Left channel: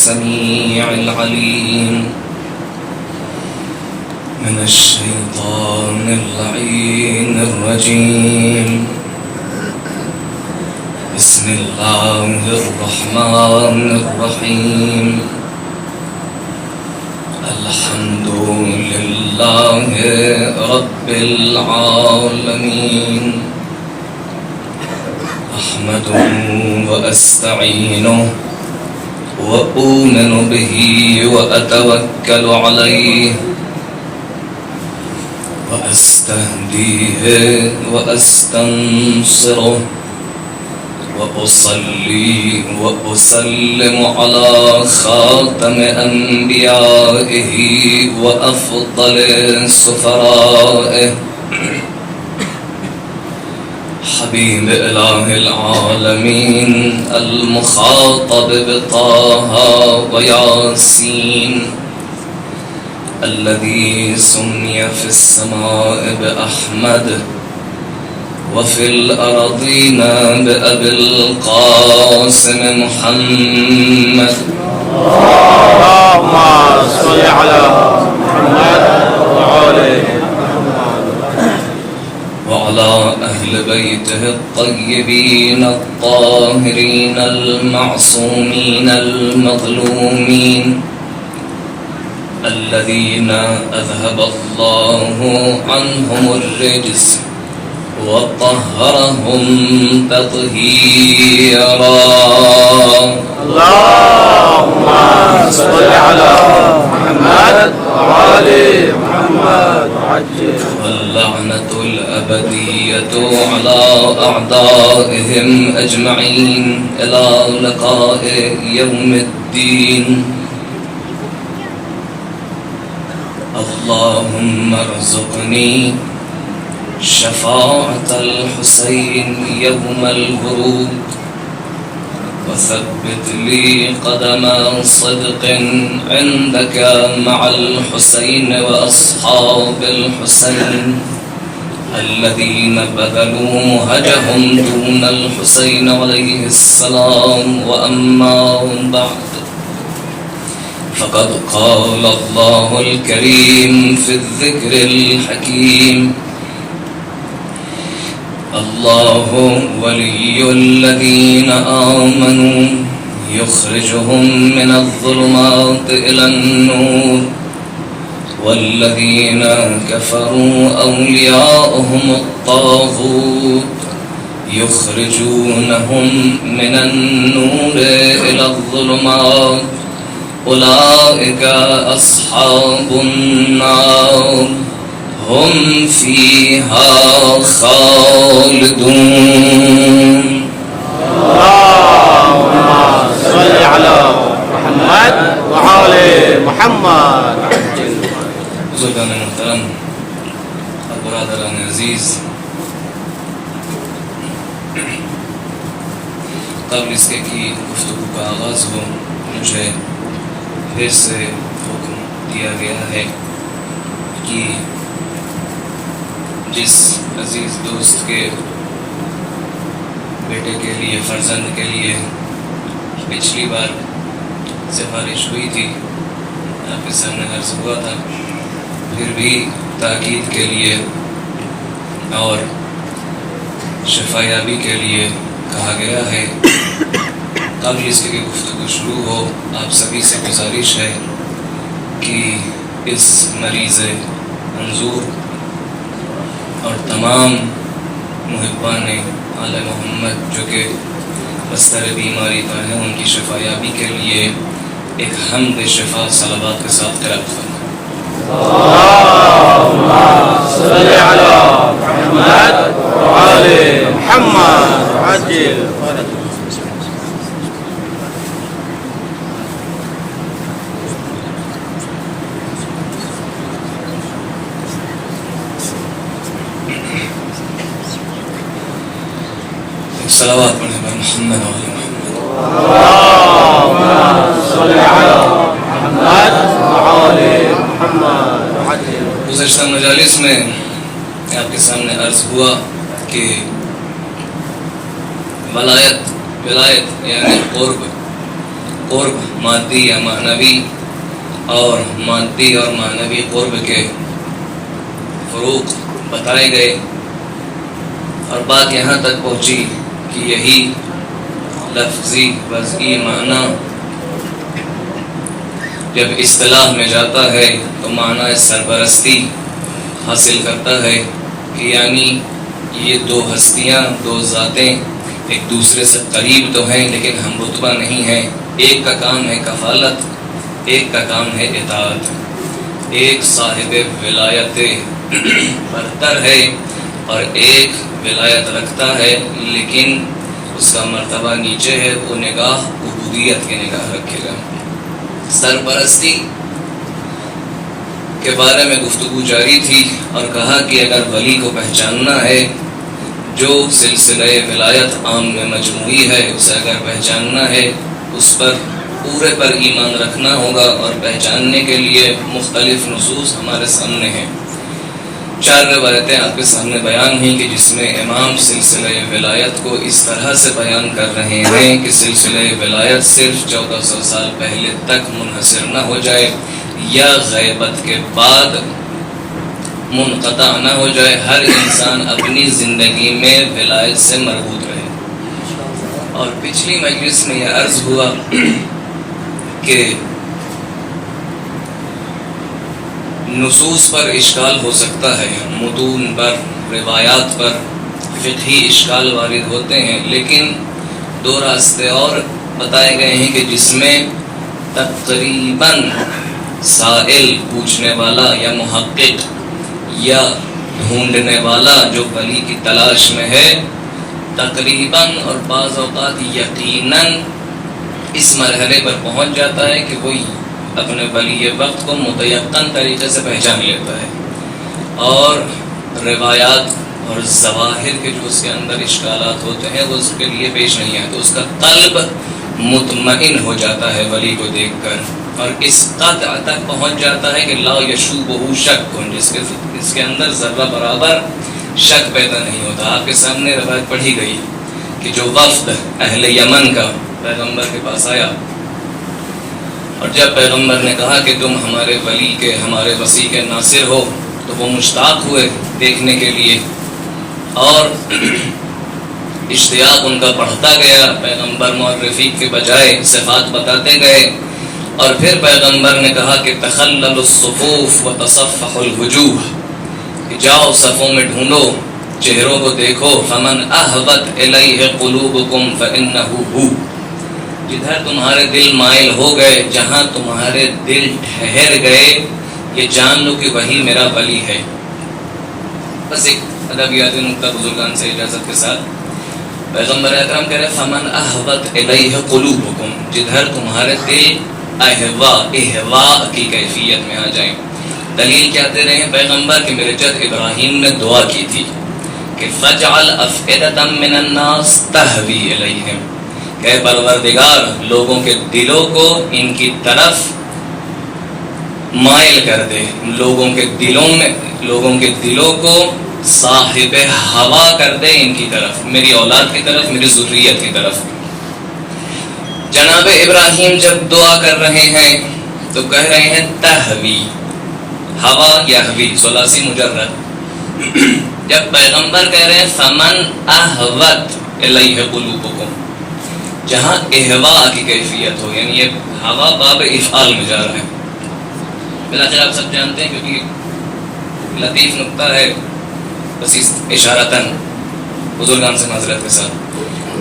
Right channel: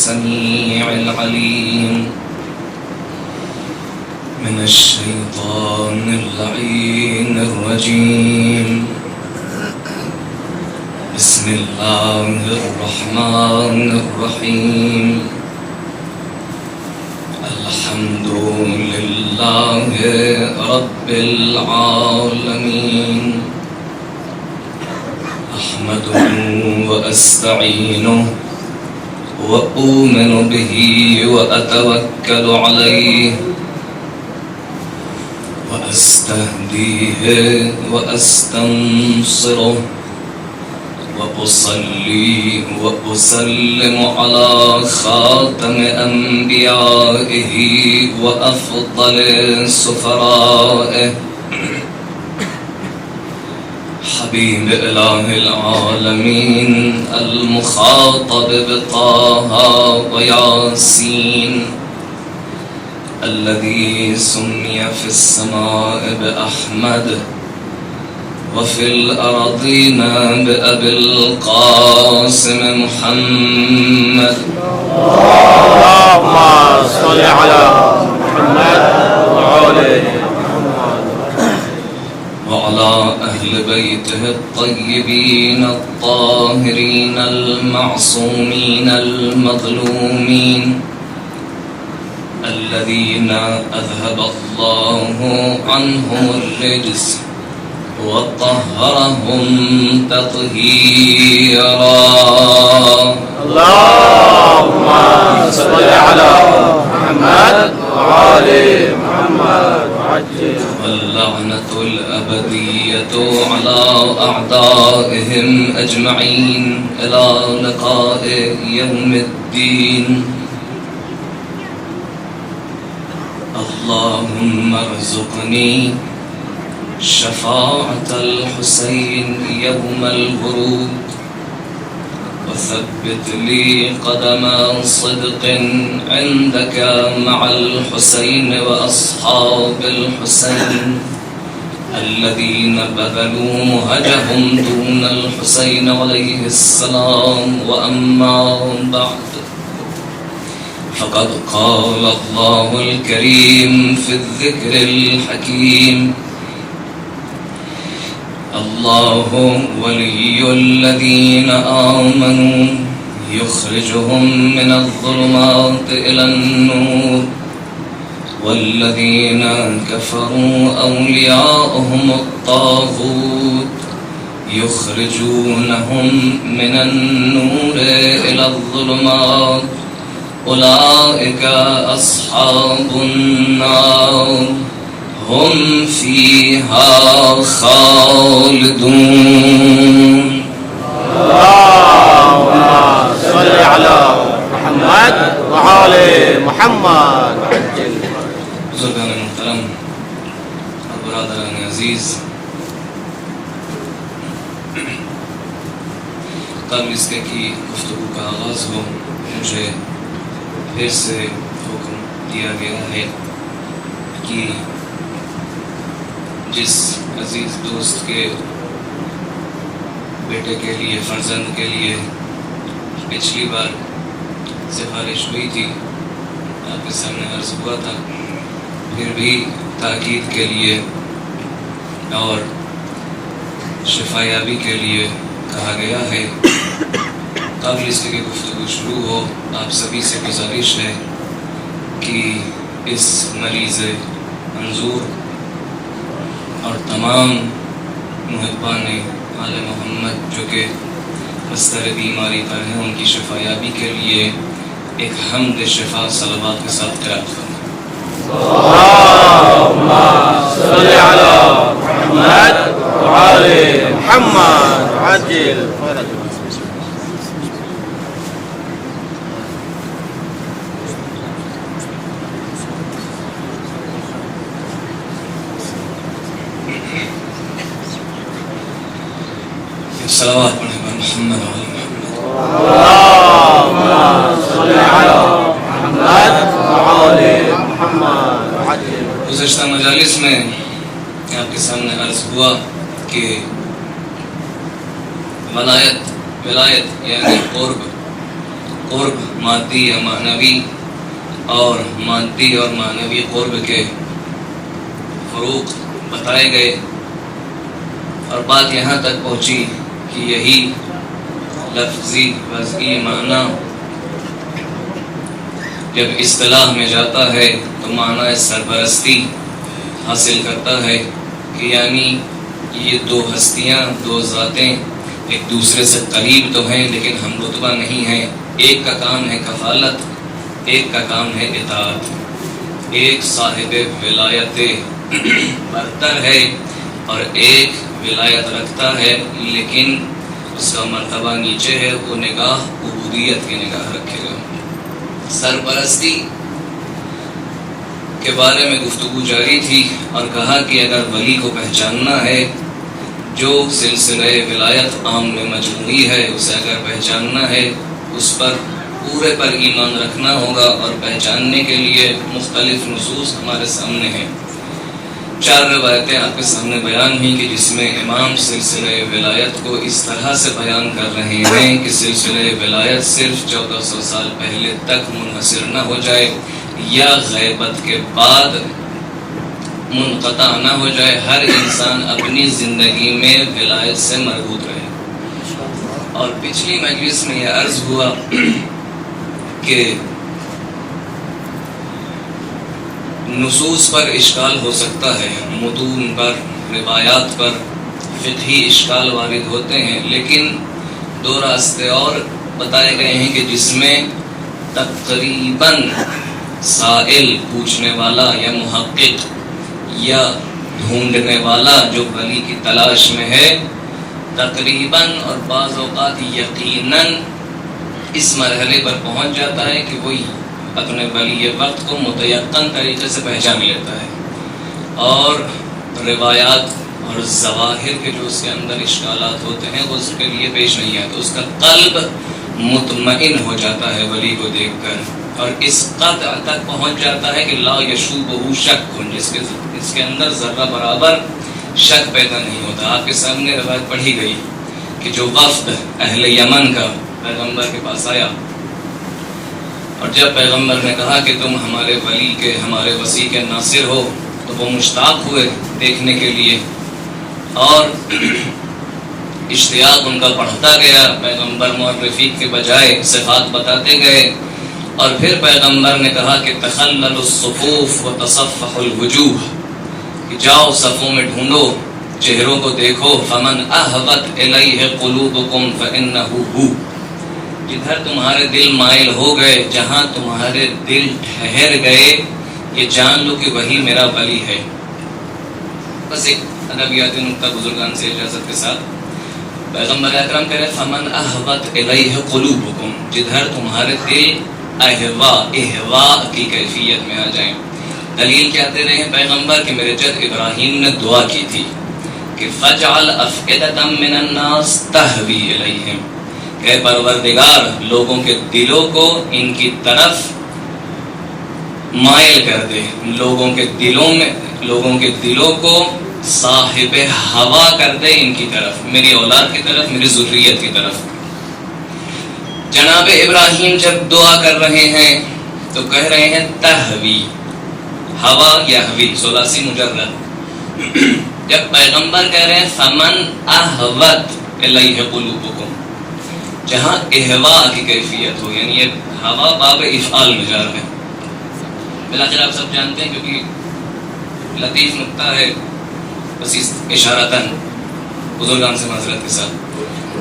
السميع العليم من الشيطان اللعين الرجيم. بسم الله الرحمن الرحيم. الحمد لله رب العالمين. أحمده وأستعينه وأؤمن به وأتوكل عليه وأستهديه وأستنصره وأصلي وأسلم على خاتم أنبيائه وأفضل سفرائه حبيب إله العالمين المخاطب بطه وياسين الذي سمي في السماء بأحمد وفي الأرضين بأبي القاسم محمد. اللهم صل على محمد وعلى وعلى أهل بيته الطيبين الطاهرين المعصومين المظلومين الذين أذهب الله عنهم الرجس وطهرهم تطهيرا. اللهم صل على محمد وعلى محمد وعجل. واللعنة الأبدية على أعدائهم أجمعين إلى لقاء يوم الدين. اللهم ارزقني شفاعة الحسين يوم الورود وثبت لي قدم صدق عندك مع الحسين وأصحاب الحسين الذين بذلوا مهجهم دون الحسين عليه السلام. وأما بعد فقد قال الله الكريم في الذكر الحكيم: الله ولي الذين آمنوا يخرجهم من الظلمات إلى النور والذين كفروا أولياؤهم الطاغوت يخرجونهم من النور إلى الظلمات أولئك أصحاب النار هم فيها خالدون. اللهم صل على محمد وعلى محمد وعجل. بزرگان محترم اور برادران عزیز، قبل اس کے کہ گفتگو کا آغاز ہو، مجھے پھر سے حکم دیا گیا ہے کہ جس عزیز دوست کے بیٹے کے لیے، فرزند کے لیے پچھلی بار سفارش ہوئی تھی، آپ کے سامنے عرض ہوا تھا، پھر بھی تاکید کے لیے اور شفا یابی کے لیے کہا گیا ہے. قبل اس کی گفتگو شروع ہو، آپ سبھی سے گزارش ہے کہ اس مریض منظور اور تمام محبان آل محمد جو کہ بستر بیماری پر ہیں، ان کی شفا یابی کے لیے ایک حمد شفا صلوات کے ساتھ قرات فرمائیں. اللهم صل على محمد وعلى محمد وعجل. صلوات پڑھیں بر محمد وعلی محمد. اللهم صل على محمد وعلى محمد وعجل. گزشتہ مجالس میں آپ کے سامنے عرض ہوا کہ ولایت یعنی قرب قرب مادی یا معنوی اور مادی اور معنوی قرب کے فروق بتائے گئے، اور بات یہاں تک پہنچی کہ یہی لفظی وضعی معنی جب اصطلاح میں جاتا ہے تو معنی سرپرستی حاصل کرتا ہے کہ یعنی یہ دو ہستیاں، دو ذاتیں ایک دوسرے سے قریب تو ہیں لیکن ہم رتبہ نہیں ہیں۔ ایک کا کام ہے کفالت، ایک کا کام ہے اطاعت۔ ایک صاحب ولایت برتر ہے اور ایک ولایت رکھتا ہے لیکن اس کا مرتبہ نیچے ہے، وہ نگاہ عبودیت کی نگاہ رکھے گا۔ سرپرستی کے بارے میں گفتگو جاری تھی اور کہا کہ اگر ولی کو پہچاننا ہے، جو سلسلہ ولایت عام میں مجموعی ہے اسے اگر پہچاننا ہے، اس پر پورے پر ایمان رکھنا ہوگا، اور پہچاننے کے لیے مختلف نصوص ہمارے سامنے ہیں۔ 4 روایتیں آپ کے سامنے بیان ہوئی کہ جس میں امام سلسلہ ولایت کو اس طرح سے بیان کر رہے ہیں کہ سلسلہ ولایت صرف 1400 سال پہلے تک منحصر نہ ہو جائے یا غیبت کے بعد منقطع نہ ہو جائے، ہر انسان اپنی زندگی میں ولایت سے مربوط رہے۔ اور پچھلی مجلس میں یہ عرض ہوا کہ نصوص پر اشکال ہو سکتا ہے، متون پر، روایات پر فقہی اشکال وارد ہوتے ہیں، لیکن 2 راستے اور بتائے گئے ہیں کہ جس میں تقریباً سائل پوچھنے والا یا محقق یا ڈھونڈنے والا جو ولی کی تلاش میں ہے، تقریباً اور بعض اوقات یقیناً اس مرحلے پر پہنچ جاتا ہے کہ وہ اپنے ولی وقت کو متیقن طریقے سے پہچان لیتا ہے، اور روایات اور ظواہر کے جو اس کے اندر اشکالات ہوتے ہیں وہ اس کے لیے پیش نہیں آتے، اس کا قلب مطمئن ہو جاتا ہے ولی کو دیکھ کر، اور اس قطع تک پہنچ جاتا ہے کہ لا یشوبہ شک، جس کے اندر ذرہ برابر شک پیدا نہیں ہوتا۔ آپ کے سامنے روایت پڑھی گئی کہ جو وفد اہل یمن کا پیغمبر کے پاس آیا، اور جب پیغمبر نے کہا کہ تم ہمارے ولی کے، ہمارے وسیع کے ناصر ہو، تو وہ مشتاق ہوئے دیکھنے کے لیے، اور اشتیاق ان کا بڑھتا گیا، پیغمبر معرفی کے بجائے صفات بتاتے گئے، اور پھر پیغمبر نے کہا کہ تخلل الصفوف وتصفح الوجوہ، کہ جاؤ صفوں میں ڈھونڈو، چہروں کو دیکھو، فمن احوت الیہ قلوبکم فانہ ہو، جدھر تمہارے دل مائل ہو گئے، جہاں تمہارے دل ٹھہر گئے، یہ جان لو کہ وہی میرا ولی ہے۔ بس ایک ادبیاتی نکتہ بزرگان سے اجازت کے ساتھ، پیغمبر اکرم کہہ رہے فمن احوت الیہ قلوبکم، جدھر تمہارے دل احوا کی کیفیت میں آ جائیں۔ دلیل کیا دے رہے ہیں پیغمبر کہ میرے جد ابراہیم نے دعا کی تھی کہ فجعل افئدۃ من الناس تہوی الیہم، کہ پروردگار لوگوں کے دلوں کو ان کی طرف مائل کر دے، لوگوں کے دلوں کو صاحب ہوا کر دے ان کی طرف، میری اولاد کی طرف، میری ذریت کی طرف۔ جناب ابراہیم جب دعا کر رہے ہیں تو کہہ رہے ہیں تہوی، ہوا یہوی، ثلاثی مجرد۔ جب پیغمبر کہہ رہے ہیں فمن احوت الیہ قلوبکم، جہاں احوا کی کیفیت ہو، یعنی یہ ہوا باب افعال میں جا رہا ہے۔ بلاخر آپ سب جانتے ہیں کیونکہ لطیف نکتہ ہے، بس اشارتاً بزرگان سے معذرت کے ساتھ،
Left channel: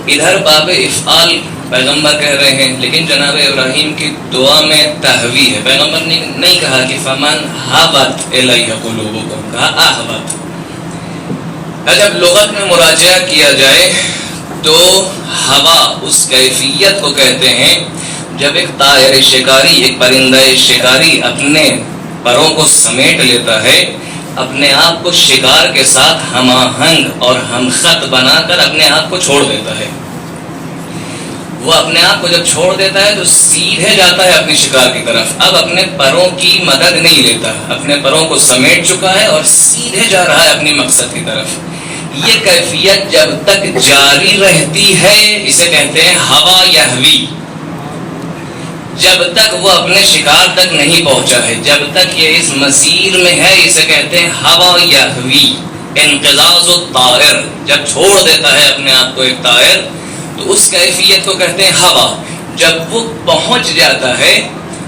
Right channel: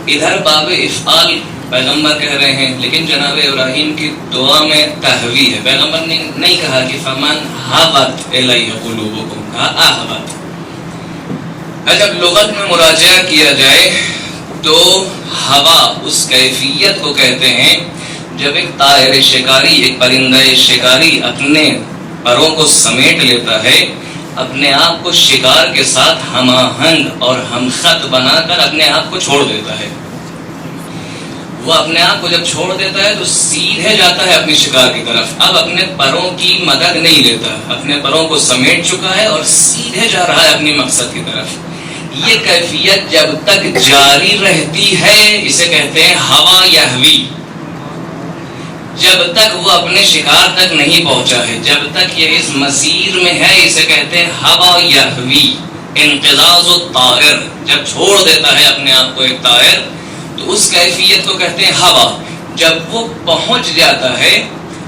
ادھر باب افعال پیغمبر کہہ رہے ہیں، لیکن جناب ابراہیم کی دعا میں تہوی ہے۔ پیغمبر نے نہیں کہا کہ فمن حوت الیہ قلوبکم، کہا احوت۔ جب لغت میں مراجعہ کیا جائے تو ہوا اس کیفیت کو کہتے ہیں جب ایک طائر شکاری، ایک پرندہ شکاری اپنے پروں کو سمیٹ لیتا ہے، اپنے آپ کو شکار کے ساتھ ہم آہنگ اور ہم خط بنا کر اپنے آپ کو چھوڑ دیتا ہے۔ وہ اپنے آپ کو جب چھوڑ دیتا ہے تو سیدھے جاتا ہے اپنے شکار کی طرف، اب اپنے پروں کی مدد نہیں لیتا، اپنے پروں کو سمیٹ چکا ہے اور سیدھے جا رہا ہے اپنی مقصد کی طرف۔ یہ کیفیت جب تک جاری رہتی ہے اسے کہتے ہیں ہوا یہوی۔ جب تک وہ اپنے شکار تک نہیں پہنچا ہے، جب تک یہ اس مسیر میں ہے، اسے کہتے ہیں ہوا یہوی، انقضاض الطائر. جب چھوڑ دیتا ہے اپنے آپ کو ایک طائر تو اس کیفیت کو کہتے ہیں ہوا. جب وہ پہنچ جاتا ہے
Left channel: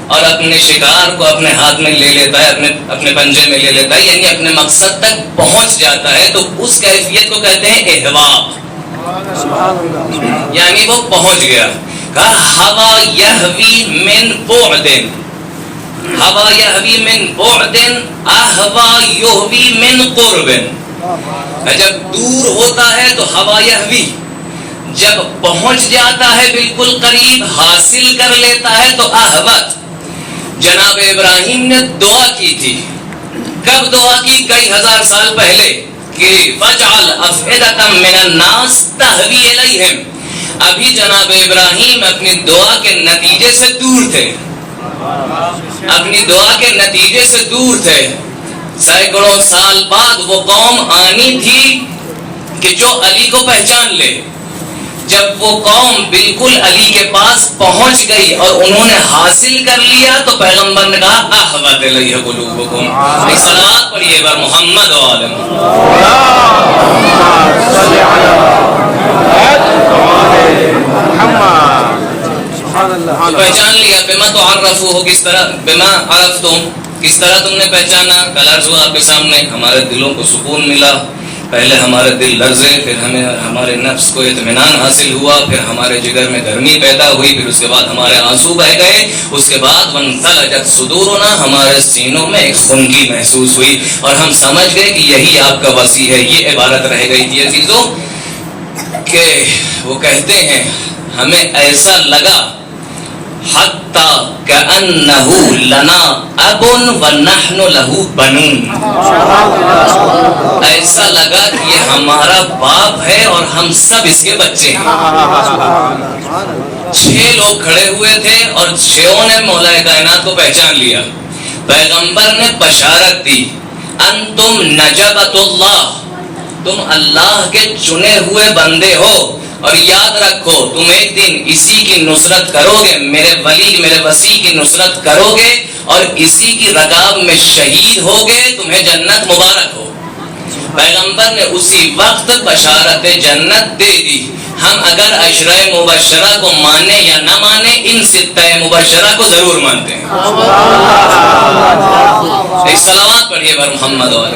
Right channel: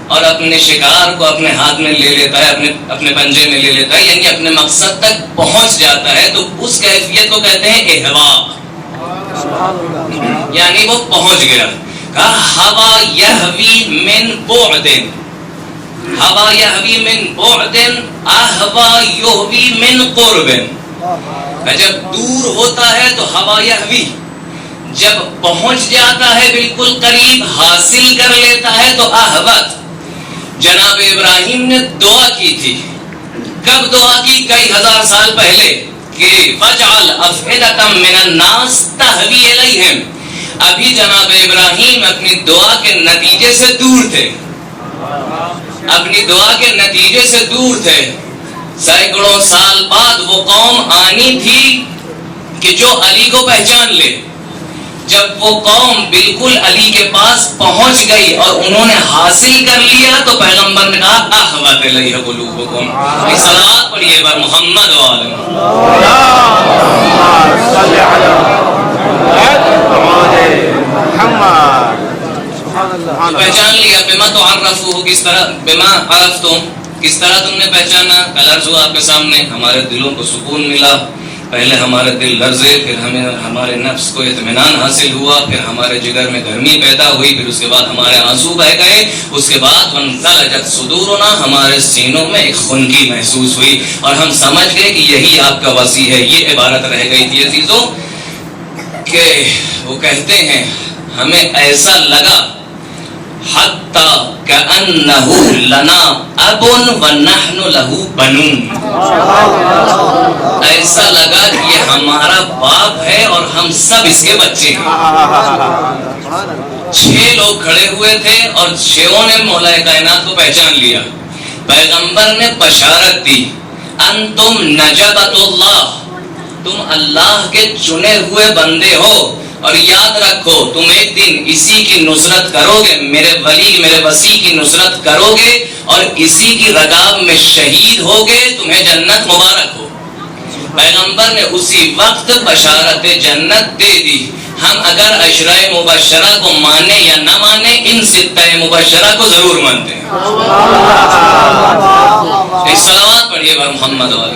اور اپنے شکار کو اپنے ہاتھ میں لے لیتا ہے، اپنے پنجے میں لے لیتا ہے، یعنی اپنے مقصد تک پہنچ جاتا ہے، تو اس کیفیت کو کہتے ہیں احوا، یعنی وہ پہنچ گیا. کہا ہوا یہوی من بعد، ہوا یہوی من بعد اہوا یہوی من قرب. جب دور ہوتا ہے تو ہوا یہوی، جب پہنچ جاتا ہے بالکل قریب، حاصل کر لیتا ہے تو احوت. جناب ابراہیم نے دعا کی تھی. کب دعا کی؟ کئی ہزار سال پہلے کہ فَجْعَلْ أَفْئِدَةً مِّنَ النَّاسِ تَهْوِي إِلَيْهِمْ. ابھی جناب ابراہیم اپنی دعا کے نتیجے سے دور تھے، اپنی دعا کے نتیجے سے دور تھے. سینکڑوں سال بعد وہ قوم آنی تھی کہ جو علی کو پہچان لے. جب وہ قوم بالکل علی کے پاس پہنچ گئی اور انہوں نے حاصل کر لیا تو پیغمبر نے کہا احوت الیہ قلوبکم. صلوات پڑھیے بر محمد و آل پہچان لیا. بما تعرفوہ، کس طرح، بما عرفتم، کس طرح تم نے پہچانا. کل عرض ہوا آپ کے سامنے، ہمارے دلوں کو سکون ملا. پہلے ہمارے دل لرزے، پھر ہمارے نفس کو اطمینان حاصل ہوا، پھر ہمارے جگر میں گرمی پیدا ہوئی، پھر اس کے بعد ہمارے آنسو بہہ گئے. اس کے بعد وانثلجت صدورنا، ہمارے سینوں میں ایک خنکی محسوس ہوئی اور ہم سمجھ گئے کہ یہی آپ کا وسیع ہے. یہ عبارت رہ گئی تھی عزیزوں کہ وہ کہتے ہیں ہمیں ایسا لگا حتی کأنہ لنا اب ونحن لہ بنون. ایسا لگا کہ یہ ہمارا باپ ہے اور ہم سب اس کے بچے ہیں. 6 لوگ کھڑے ہوئے تھے اور 6 نے مولا کائنات کو پہچان لیا. پیغمبر نے بشارت دی انتم نجبت اللہ، تم اللہ کے چنے ہوئے بندے ہو، اور یاد رکھو تم ایک دن اسی کی نصرت کرو گے، میرے ولی میرے وسیع کی نصرت کرو گے اور اسی کی رکاب میں شہید ہوگے، تمہیں جنت مبارک ہو. پیغمبر نے اسی وقت بشارت جنت دے دی. ہم اگر عشرہ مبشرہ کو مانے یا نہ مانے، ان 6 مبشرہ کو ضرور مانتے ہیں. ایک صلوات پڑھیے بر محمد و آل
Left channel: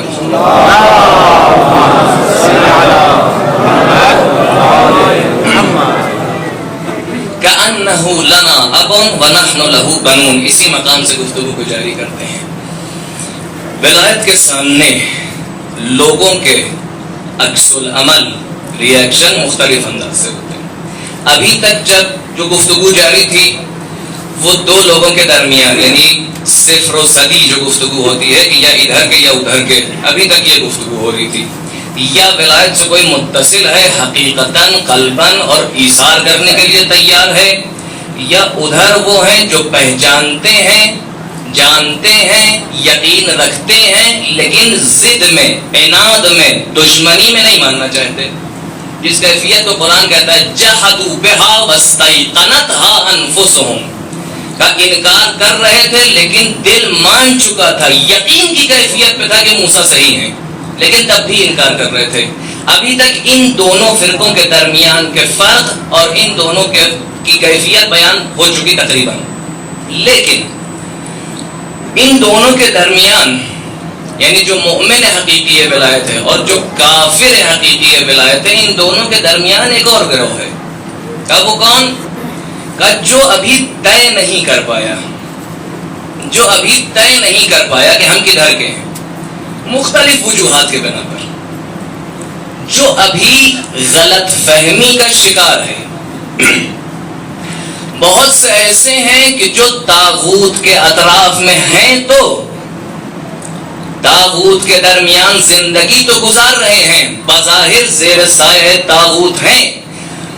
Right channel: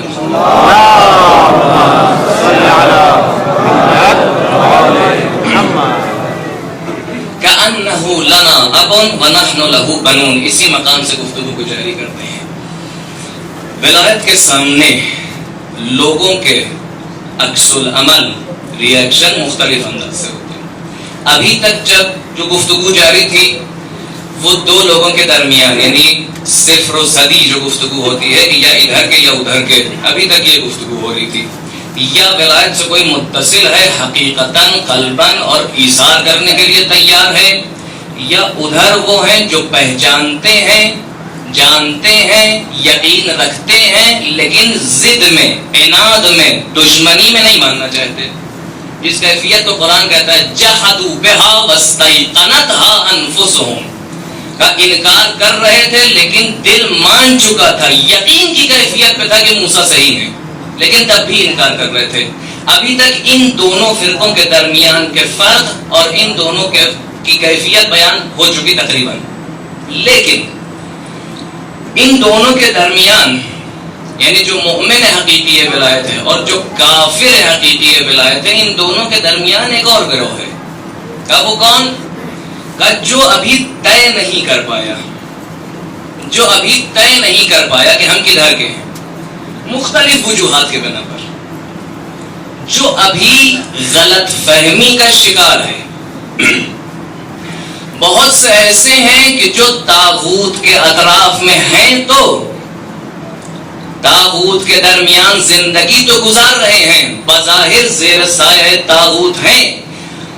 کأنہ لنا اب ونحن لہ بنون. اسی مقام سے گفتگو کو جاری کرتے ہیں. ولایت کے سامنے لوگوں کے عکس العمل، ری ایکشن مختلف انداز سے ہوتے ہیں. ابھی تک جب جو گفتگو جاری تھی وہ 2 لوگوں کے درمیان، یعنی صفر و صدی جو گفتگو ہوتی ہے کہ یا ادھر کے یا ادھر کے، ابھی تک یہ گفتگو ہو رہی تھی. یا ولایت سے کوئی متصل ہے حقیقتاً قلباً اور ایثار کرنے کے لیے تیار ہے، یا ادھر وہ ہیں جو پہچانتے ہیں، جانتے ہیں، یقین رکھتے ہیں، لیکن ضد میں، عناد میں، دشمنی میں نہیں ماننا چاہتے. جس کیفیت کو قرآن کہتا ہے جحدوا بہا واستیقنتھا انفسہم، کا انکار کر رہے تھے لیکن دل مان چکا تھا، یقین کی کیفیت پہ تھا کہ موسیٰ صحیح ہیں، لیکن تب بھی انکار کر رہے تھے. ابھی تک ان دونوں فرقوں کے درمیان کے فرق اور ان دونوں کی کیفیت بیان ہو چکی تقریباً. لیکن ان دونوں کے درمیان، یعنی جو مومن حقیقی ولایت ہے اور جو کافر حقیقی ولایت ہے، ان دونوں کے درمیان ایک اور گروہ ہے. وہ کون؟ جو ابھی طے نہیں کر پایا، جو ابھی طے نہیں کر پایا کہ ہم کدھر کے ہیں، مختلف وجوہات کے بنا پر، جو ابھی غلط فہمی کا شکار ہے. بہت سے ایسے ہیں کہ جو طاغوت کے اطراف میں ہیں، تو طاغوت کے درمیان زندگی تو گزار رہے ہیں، بظاہر زیر سایہ طاغوت ہیں،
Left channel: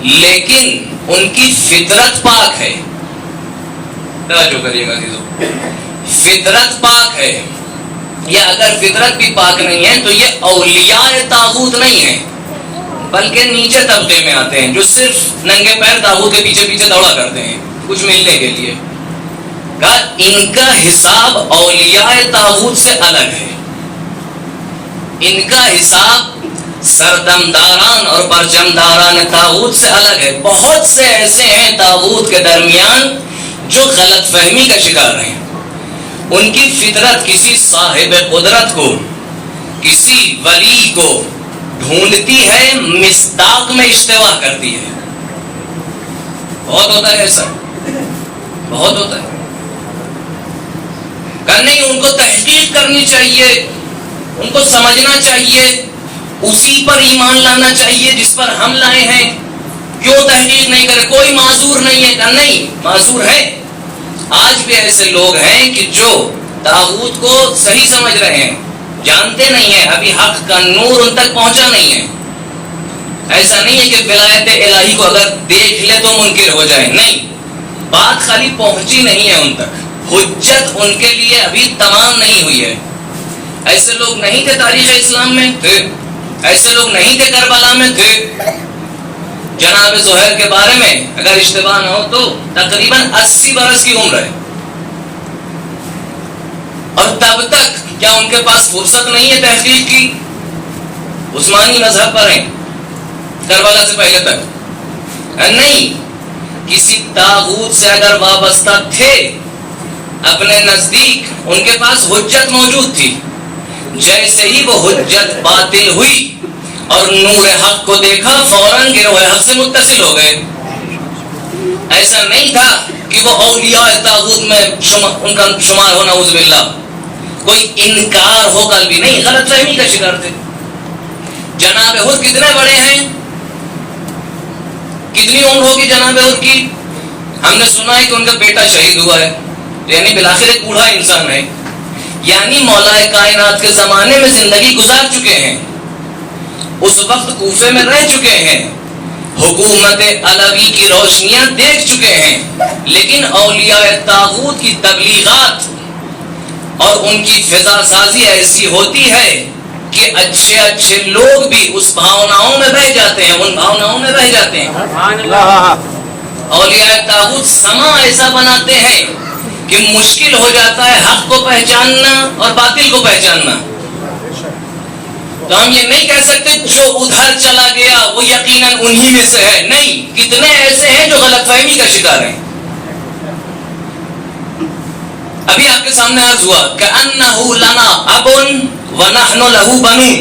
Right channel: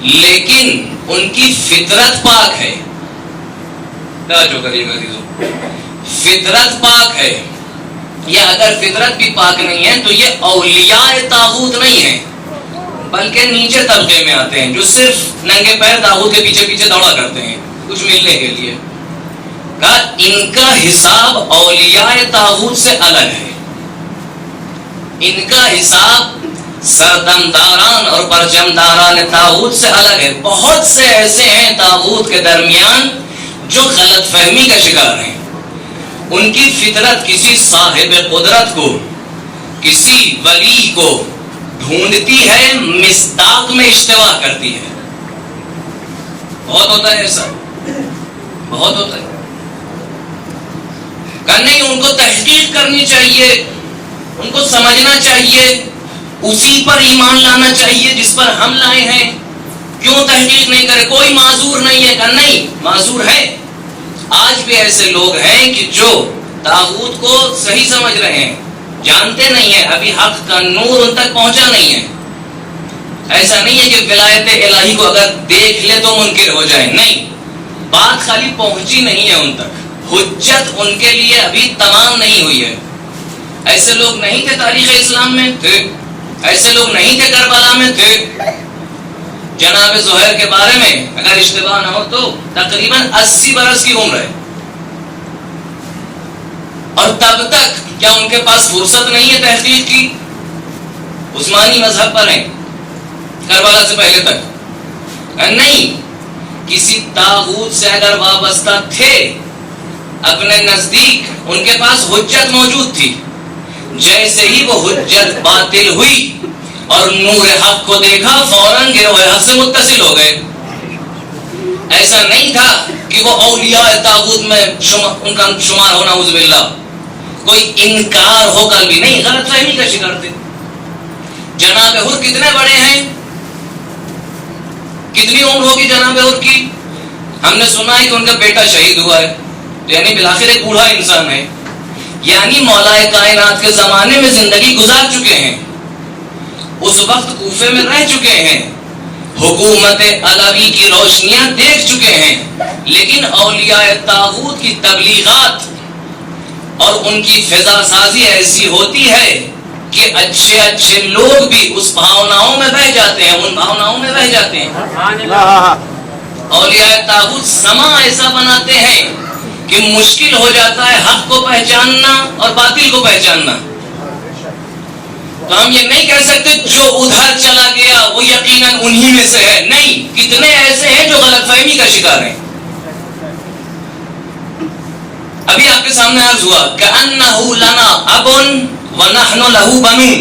لیکن ان کی فطرت پاک ہے. توجہ کریے گا عزیزو، فطرت پاک ہے. یا اگر فطرت بھی پاک نہیں ہے تو یہ اولیاء طاغوت نہیں ہیں، بلکہ نیچے طبقے میں آتے ہیں جو صرف ننگے پیر طاغوت کے پیچھے پیچھے دوڑا کرتے ہیں کچھ ملنے کے لیے. کہ ان کا حساب اولیاء طاغوت سے الگ ہے. ان کا حساب سردمداران اور پرچمداران طاغوت سے الگ ہے. بہت سے ایسے ہیں طاغوت کے درمیان جو غلط فہمی کا شکار ہیں. ان کی فطرت کسی صاحب قدرت کو، کسی ولی کو ڈھونڈتی ہے، مصداق میں اشتباہ کرتی ہے. بہت ہوتا ہے ایسا، بہت ہوتا ہے. کہ نہیں، ان کو تحقیق کرنی چاہیے، ان کو سمجھنا چاہیے، اسی پر ایمان لانا چاہیے جس پر ہم لائے ہیں. کیوں تحقیق نہیں کرے؟ کوئی معذور نہیں ہے. کہ نہیں، معذور ہے. آج بھی ایسے لوگ ہیں کہ جو طاغوت کو صحیح سمجھ رہے ہیں، جانتے نہیں ہیں، ابھی حق کا نور ان تک پہنچا نہیں ہے. ایسا نہیں ہے کہ ولایت الہی کو اگر دیکھ لے تو منکر ہو جائے. نہیں، بات خالی پہنچی نہیں ہے ان تک، حجت ان کے لیے ابھی تمام نہیں ہوئی ہے. ایسے لوگ نہیں تھے تاریخ اسلام میں؟ تھے. ایسے لوگ نہیں تھے کربلا میں؟ تھے. جناب زہیر کے بارے میں اگر اشتباہ نہ ہو تو تقریباً 80 برس کی عمر ہے، اور تب تک کیا ان کے پاس فرصت نہیں ہے تحقیق کی؟ عثمانی مذہب پر ہیں کربلا سے پہلے تک. نہیں، کسی طاغوت سے اگر وابستہ تھے اپنے نزدیک، ان کے پاس حجت موجود تھی. جیسے ہی وہ حجت باطل ہوئی اور نور حق کو دیکھا، فوراً گروہ حق سے متصل ہو گئے. ایسا نہیں تھا کہ وہ اولیاء طاغوت میں ان کا شمار ہونا، نعوذ باللہ. کوئی انکار ہو کر بھی نہیں، غلط فہمی کا شکار تھے. جناب حر کتنے بڑے ہیں؟ کتنی عمر ہوگی جناب حر کی؟ ہم نے سنا ہے کہ ان کا بیٹا شہید ہوا ہے، یعنی بالآخر ایک بوڑھا انسان ہے. یعنی مولا کائنات کے زمانے میں زندگی گزار چکے ہیں، اس وقت کوفے میں رہ چکے ہیں، حکومت علوی کی روشنیاں دیکھ چکے ہیں. لیکن اولیاء طاغوت کی تبلیغات اور ان کی فضا سازی ایسی ہوتی ہے کہ اچھے اچھے لوگ بھی اس بھاوناؤں میں بہ جاتے ہیں، ان بھاوناؤں میں بہ جاتے ہیں. اولیاء طاغوت سما ایسا بناتے ہیں کہ مشکل ہو جاتا ہے حق کو پہچاننا اور باطل کو پہچاننا. تو ہم یہ نہیں کہہ سکتے جو ادھر چلا گیا وہ یقیناً انہی میں سے ہے. نہیں، کتنے ایسے ہیں جو غلط فہمی کا شکار ہیں. ابھی آپ کے سامنے عرض ہوا کأنہ لنا اب ونحن لہ بنون.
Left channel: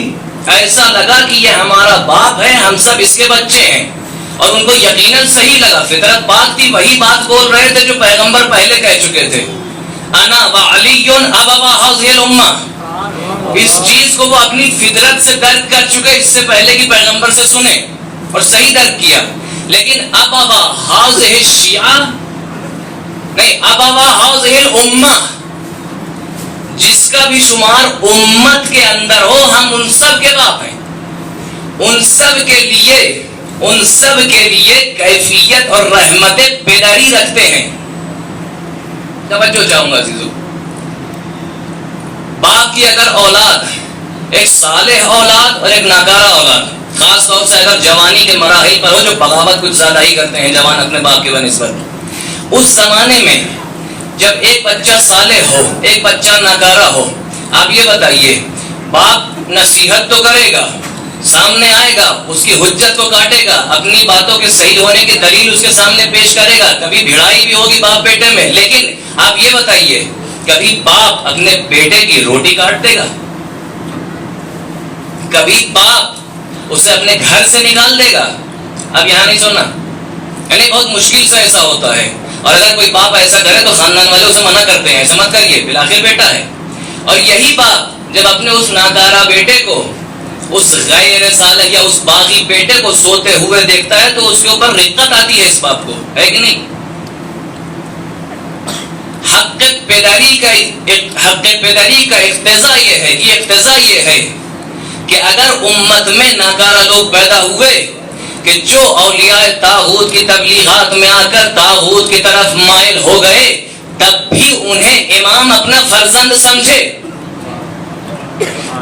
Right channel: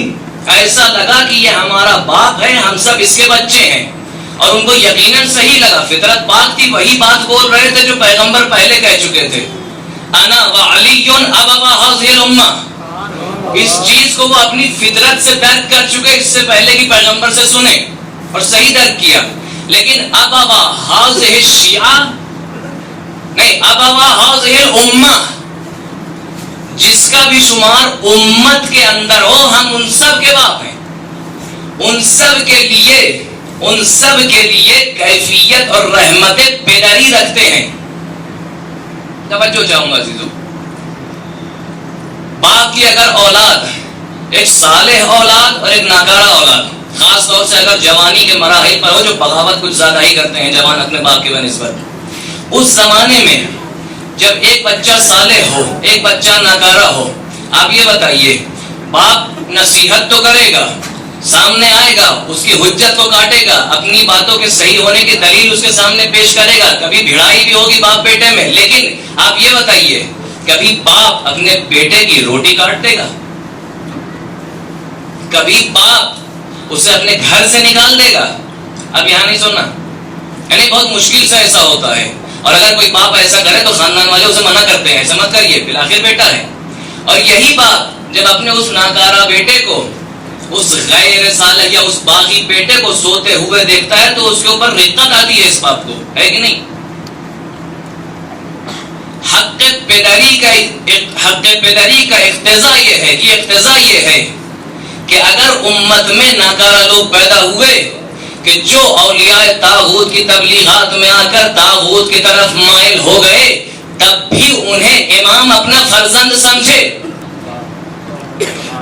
ایسا لگا کہ یہ ہمارا باپ ہے، ہم سب اس کے بچے ہیں. اور ان کو یقیناً صحیح لگا، فطرت پاک تھی، وہی بات بول رہے تھے جو پیغمبر پہلے کہہ چکے تھے. انا وعلی ابوا هذه الامه. اس چیز کو وہ اپنی فطرت سے درک کر چکے، اس سے پہلے کی پیغمبر سے سنے اور صحیح درک کیا. لیکن ابوا هذه الشیعہ نہیں، ابوا هذه الامه، جس کا بھی شمار امت کے اندر ہو، ہم ان سب کے باپ ہیں. ان سب کے لیے کیفیت اور رحمت بیداری رکھتے ہیں. توجہ چاہوں گا عزیزو، باپ کی اگر اولاد ایک صالح اولاد اور ایک ناکارہ اولاد، خاص طور سے اگر جوانی کے مراحل پر ہو، جو بغاوت کچھ زیادہ ہی کرتے ہیں جوان اپنے باپ کی بنسبت، اس زمانے میں جب ایک بچہ صالح ہو، ایک بچہ ناکارہ ہو، آپ یہ بتائیے، باپ نصیحت تو کرے گا، سامنے آئے گا، اس کی حجت کو کاٹے گا، اپنی باتوں کے صحیح ہونے کی دلیل اس کے سامنے پیش کرے گا، کبھی بھڑائی بھی ہوگی باپ بیٹے میں. لیکن آپ یہ بتائیے، کبھی باپ اپنے بیٹے کی روٹی کاٹ دے گا؟ کبھی باپ اسے اپنے گھر سے نکال دے گا؟ اب یہاں نہیں سننا، یعنی بہت مشکل سے ایسا ہوتا ہے. اور اگر کوئی باپ ایسا کرے تو خاندان والے اسے منع کرتے ہیں، ایسا مت کریے، بالآخر بیٹا ہے. اور یہی باپ جب اپنے اس ناکارہ بیٹے کو، اس غیر صالح یا اس باغی بیٹے کو سوتے ہوئے دیکھتا ہے تو اس کے اوپر رقت آتی ہے اس باپ کو، ہے کہ نہیں؟ حق پیداری کا اقتضا یہ ہے کہ اگر امت میں ناکارہ لوگ پیدا ہوئے کہ جو اولیاء طاغوت کی تبلیغات میں آ کر طاغوت کی طرف مائل ہو گئے، تب بھی انہیں امام اپنا فرزند سمجھے،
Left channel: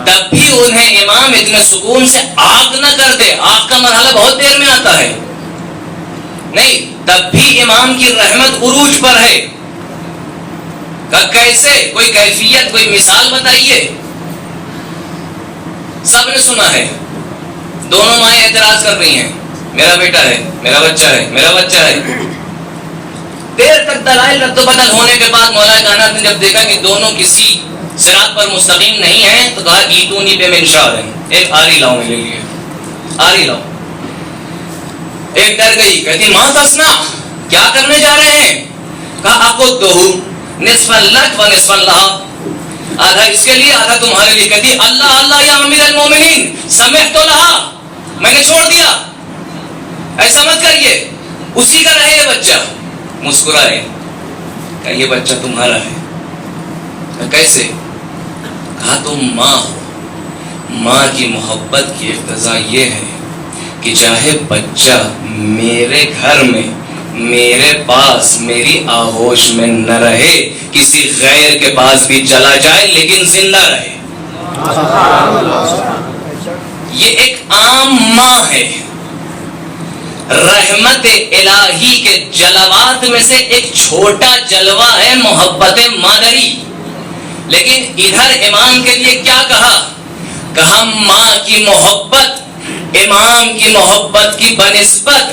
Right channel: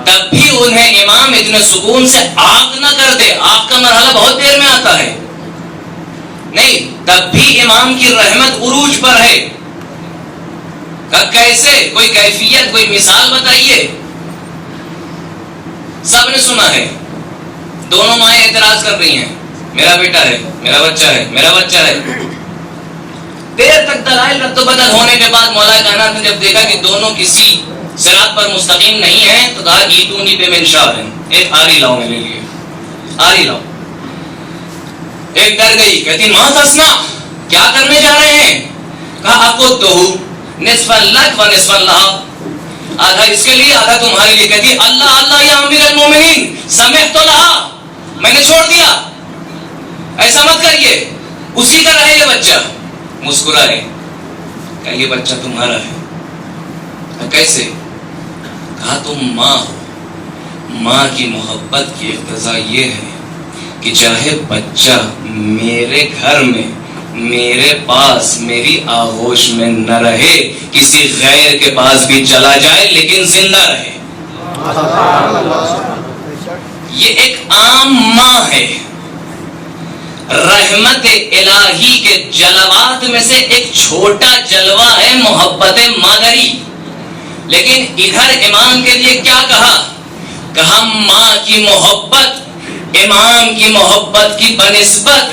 تب بھی انہیں امام اتنے سکون سے آگ نہ کر دے. آگ کا مرحلہ بہت دیر میں آتا ہے، نہیں، تب بھی امام کی رحمت عروج پر ہے. کہا کیسے؟ کوئی کیفیت، کوئی مثال بتائیے. سب نے سنا ہے. دونوں مائیں اعتراض کر رہی ہیں، میرا بیٹا ہے، میرا بچہ ہے، میرا بچہ ہے. دیر تک دلائل رد و بدل ہونے کے بعد مولا کائنات نے جب دیکھا کہ دونوں کسی صراط پر مستقیم نہیں ہیں تو کہا ایتونی بمنشار، ایک آری لاؤ میرے لیے، آری لاؤ. ایک ڈر گئی، کہتی ماں تصنع، کیا کرنے جا رہے ہیں؟ کہا اقدہ نصفا لک و نصفا لہا، آدھا اس کے لیے آدھا تمہارے لیے. کہتی اللہ اللہ یا امیر المومنین سمحت لہا، میں نے چھوڑ دیا، ایسا مت کریے، اسی کا رہے یہ بچہ. مسکرائے، کہا یہ بچہ تمہارا ہے. کہا کیسے؟ کہا تم ماں، ماں کی محبت کی اقتضا یہ ہے کہ چاہے بچہ میرے گھر میں، میرے پاس، میری آغوش میں نہ رہے، کسی غیر کے پاس بھی چلا جائے لیکن زندہ رہے. یہ ایک عام ماں ہے. رحمت الہی کے جلوات میں سے ایک چھوٹا جلوہ ہے محبت مادری. لیکن ادھر امام کے لیے کیا کہا؟ کہا ماں کی محبت امام کی محبت کی بنسبت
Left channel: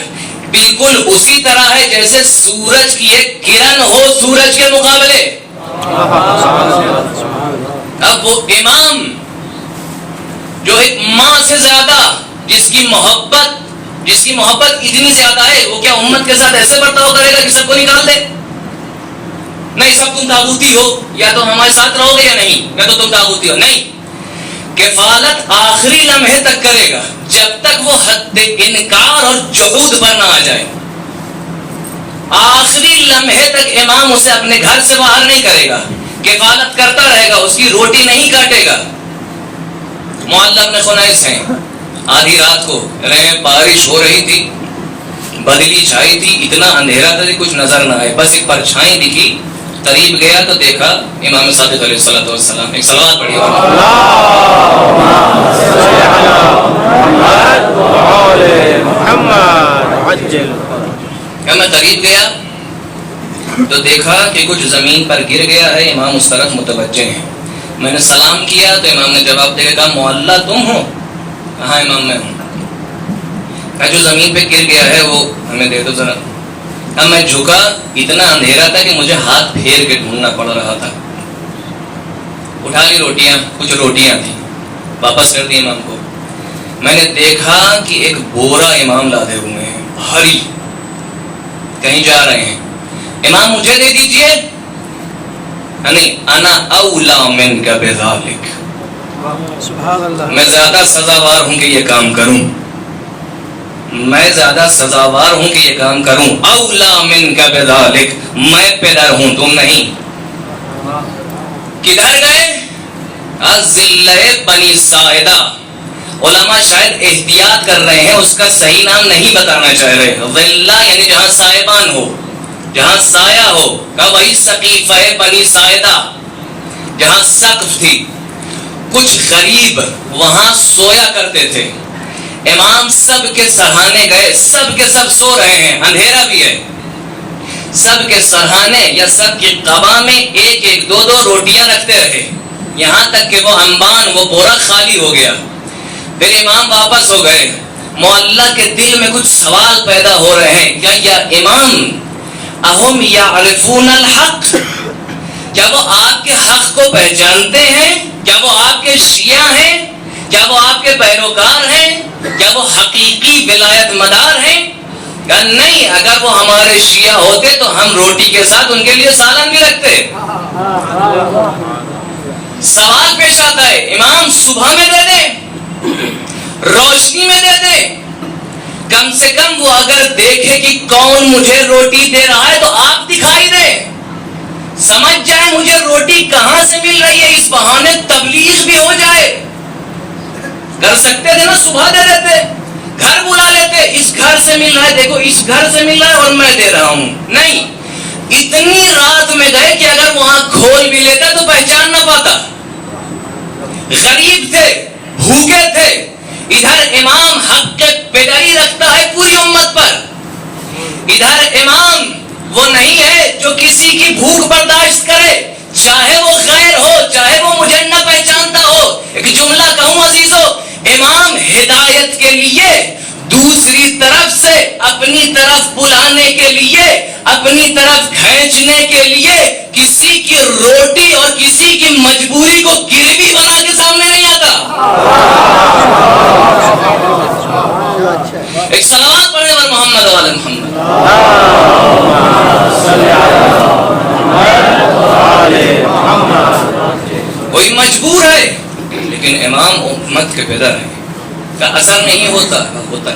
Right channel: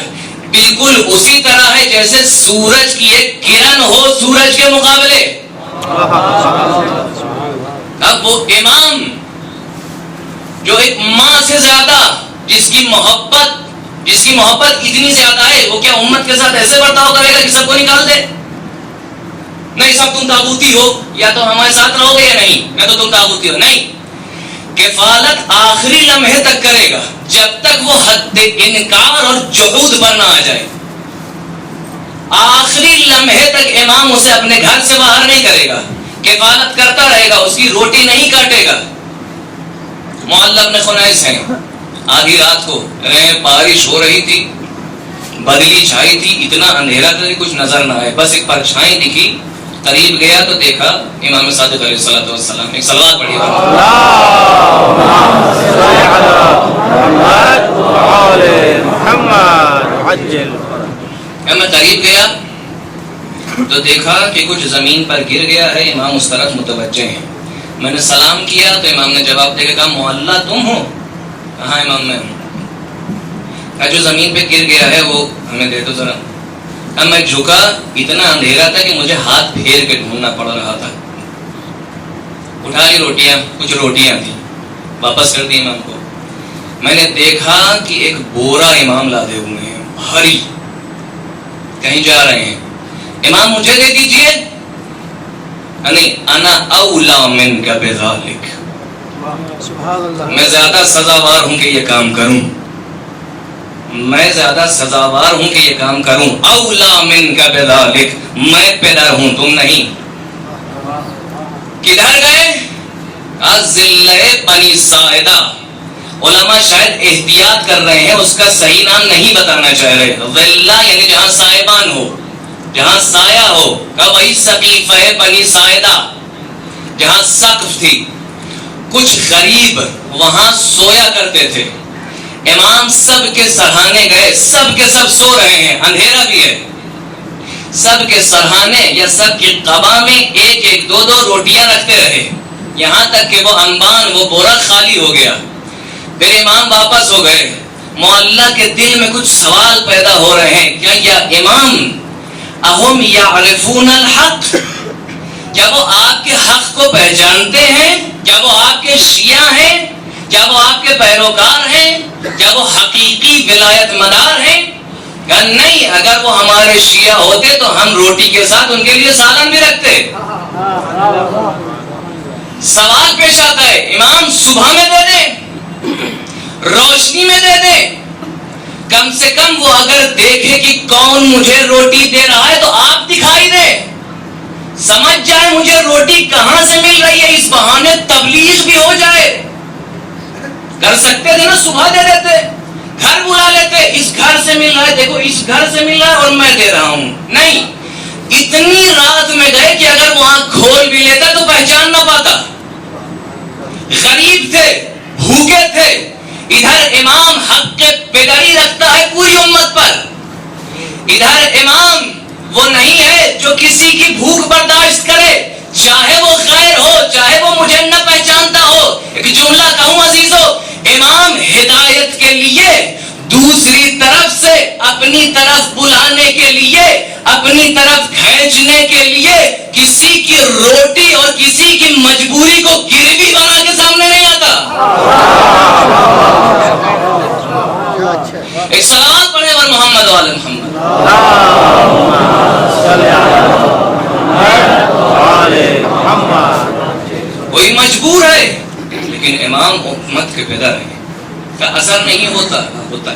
بالکل اسی طرح ہے جیسے سورج کی ایک کرن ہو سورج کے مقابلے. اب وہ امام جو ایک ماں سے زیادہ، جس کی محبت اتنی زیادہ ہے، وہ کیا امت کے ساتھ ایسے برتاؤ کرے گا کہ سب کو نکال دے؟ نہیں، سب تم تاغوتی ہو، یا تو ہمارے ساتھ رہو گے یا نہیں، یا تو تم تاغوتی ہو. نہیں، کفالت آخری لمحے تک کرے گا جب تک وہ حد انکار اور جحود پر نہ آ جائے. آخری لمحے تک امام اسے اپنے گھر سے باہر نہیں کرے گا، کفالت کرتا رہے گا، اس کی روٹی نہیں کاٹے گا. معلّہ ابن خنیس ہیں، آدھی رات کو بارش ہو رہی تھی، بدلی چھائی تھی، اتنا اندھیرا تھا کہ کچھ نظر نہ آئے، بس ایک پرچھائی دکھی. قریب گیا تو دیکھا امام صادق علیہ الصلوۃ والسلام. ایک صلوات پڑھیے میں قریب گیا تو دیکھا کہ کچھ زمین پر گر گیا ہے، امام اس طرف متوجہ ہیں. میں نے سلام کیا تو امام نے جواب دے کے کہا معلّہ تم ہو؟ کہا امام میں ہوں. کہا جو زمین پہ گر گیا ہے وہ ہمیں دے دو ذرا. اب میں جھکا، اتنا اندھیرا تھا کہ مجھے ہاتھ پھیر کے ڈھونڈنا پڑ رہا تھا. اٹھا لی روٹیاں، کچھ روٹیاں تھیں، واپس کر دی امام کو. میں نے دیکھا کہ ایک بورا امام لادے ہوئے ہیں، بھاری، کہیں جا رہے ہیں. امام مجھے دے دیجئے. نہیں، انا اولا منک بذالک، میں زیادہ سزاوار ہوں کہ یہ کام کروں، میں زیادہ سزاوار ہوں کہ یہ کام کروں. اولا منک بذالک، میں پیدا ہوں تم نہیں. کدھر گئے؟ ذلہ بنی ساعدہ. علماء شاید احتیاط کر رہے ہیں، اس کا صحیح نام نہیں بتانا چاہ رہے. ذلہ یعنی جہاں سائبان ہو، جہاں سایہ ہو. کہ وہی سقیفہ بنی ساعدہ جہاں سقف تھی. کچھ غریب وہاں سویا کرتے تھے. امام سب کے سرہانے گئے، سب کے سب سو رہے ہیں، اندھیرا بھی ہے. سب کے سرہانے یا سب کی قبا میں ایک ایک دو دو روٹیاں رکھتے رہے، یہاں تک کہ وہ انبان، وہ بورا خالی ہو گیا. پھر امام واپس ہو گئے. معلّہ کے دل میں کچھ سوال پیدا ہو رہے ہیں. کیا یا امام اہم یعرفون الحق، کیا وہ آپ کے حق کو پہچانتے ہیں؟ کیا وہ آپ کے شیعہ ہیں؟ کیا وہ آپ کے پیروکار ہیں؟ کیا وہ حقیقی ولایت مدار ہیں؟ کہ نہیں، اگر وہ ہمارے شیعہ ہوتے تو ہم روٹی کے ساتھ ان کے لیے سالن بھی رکھتے. سوال پیش آتا ہے، امام صبح میں دے دیں، روشنی میں دے دیں، کم سے کم وہ اگر دیکھے کہ کون مجھے روٹی دے رہا ہے تو آپ دکھائی دے، سمجھ جائے مجھے روٹی کہاں سے مل رہی ہے، اس بہانے تبلیغ بھی ہو جائے. کر سکتے تھے نا، صبح دے دیتے، گھر بلا لیتے، اس گھر سے مل رہا ہے، دیکھو اس گھر سے مل رہا ہے اور میں دے رہا ہوں. نہیں، اتنی رات میں گئے کہ اگر وہاں کھول بھی لیتا تو پہچان نہ پاتا. غریب تھے، بھوکے تھے. ادھر امام حق کے پیگاری رکھتا ہے پوری امت پر. ادھر امام وہ نہیں ہے جو کسی کی بھوک برداشت کرے. جملہ کہوں عزیزو، امام ہدایت کے لیے دوسری طرف سے اپنی طرف بلانے کے لیے، اپنی طرف کھینچنے کے لیے کسی کی روٹی اور کسی کی مجبوری کو گروی بنا کے سامنے نہیں آتا. ایک صلوات پڑھنے پر محمد و آل محمد. کوئی مجبور ہے لیکن امام امت کے پیدا ہے کا اثر نہیں ہوتا ہے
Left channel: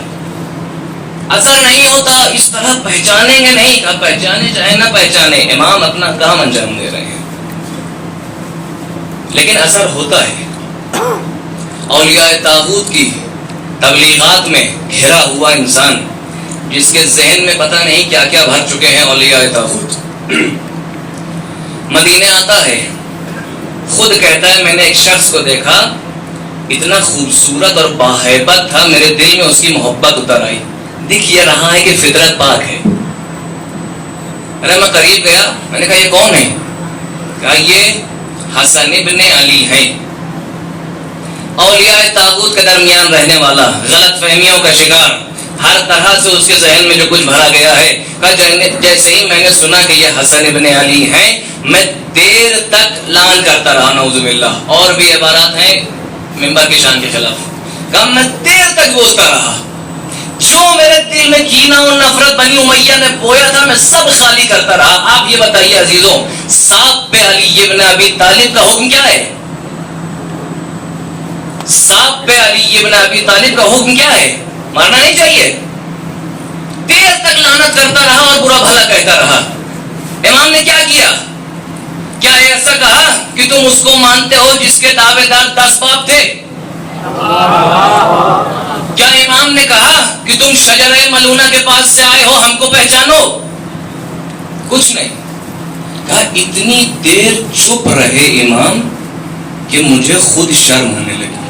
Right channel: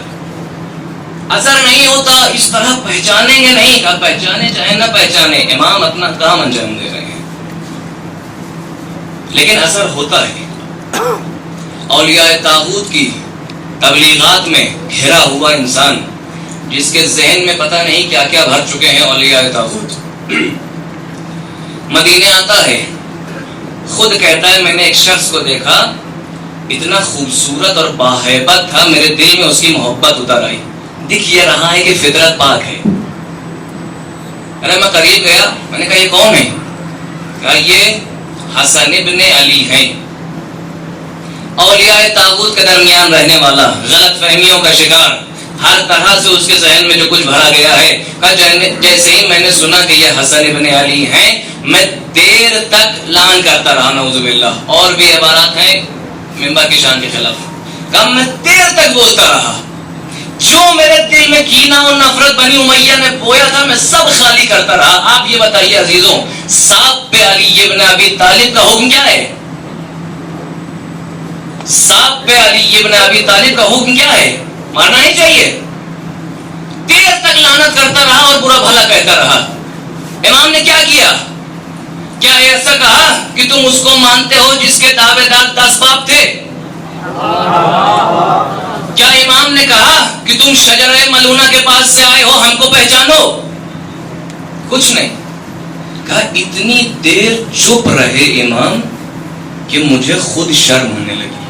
اثر نہیں ہوتا. اس طرح پہچانیں گے نہیں کہ پہچانے چاہے نہ پہچانے، امام اپنا کام انجام دے رہے ہیں، لیکن اثر ہوتا ہے. اولیاء طاغوت کی تبلیغات میں گھرا ہوا انسان جس کے ذہن میں پتہ نہیں کیا کیا بھر چکے ہیں اولیاء طاغوت، مدینے آتا ہے، خود کہتا ہے میں نے ایک شخص کو دیکھا، اتنا خوبصورت اور باہیبت تھا، میرے دل میں اس کی محبت اتر آئی. دکھ یہ رہا ہے کہ فطرت پاک ہے. میں قریب گیا، میں نے کہا یہ کون ہے؟ کہا یہ حسن ابن علی ہیں. اولیاء طاغوت کے درمیان رہنے والا، غلط فہمیوں کا شکار، ہر طرح سے اس کے ذہن میں جو کچھ بھرا گیا ہے. کہا جیسے ہی میں نے سنا کہ یہ حسن ابن علی ہیں، میں دیر تک لعن کرتا رہا، نعوذ باللہ. اور بھی عبارات ہیں ممبر کی شان کے خلاف. کہا میں دیر تک بولتا رہا، جو میرے دل میں کینہ اور نفرت بنی امیہ نے بویا تھا میں سب خالی کرتا رہا. آپ یہ بتائیے عزیزوں، سانپ پہ علی ابن ابی طالب کا حکم کیا ہے؟ سانپ پہ علی ابن ابی طالب کا حکم کیا ہے؟ مارنا نہیں چاہیے. دیر تک لعنت کرتا رہا اور برا بھلا کہتا رہا. امام نے کیا کیا؟ کیا ایسا کہا کہ تم اس کو مانتے ہو جس کے دعوے دار 10 باپ تھے؟ کیا امام نے کہا کہ تم شجرہ ملونہ کے پاس سے آئے ہو، ہم کو پہچانو؟ کچھ نہیں. کہا اتنی دیر چپ رہے امام کہ مجھے خود شرم ہونے لگی.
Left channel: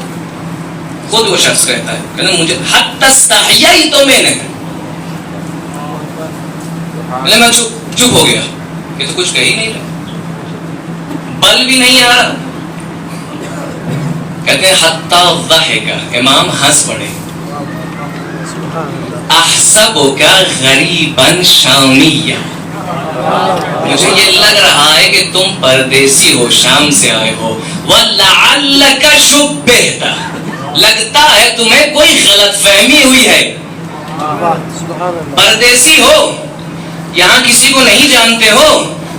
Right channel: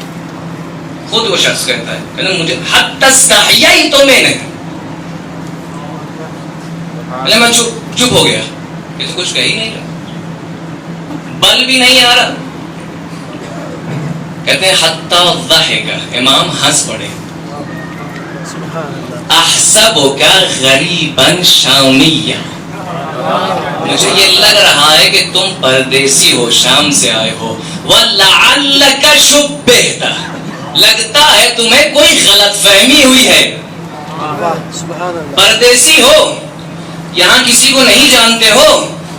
خود وہ شخص کہتا ہے کہ مجھے حتی استحیائی تو میں نہیں. میں چپ ہو گیا، یہ تو کچھ کہی نہیں رہا، بل بھی نہیں آ رہا. کہتے ہیں حتی ضحک، امام ہنس پڑے. احسبک غریبا شامیہ، مجھے یہ لگ رہا ہے کہ تم پردیسی ہو، شام سے آئے ہو. وَلَعَلَّكَ شُبِّهْتَ، لگتا ہے تمہیں کوئی غلط فہمی ہوئی ہے. پردیسی ہو، یہاں کسی کو نہیں جانتے ہو،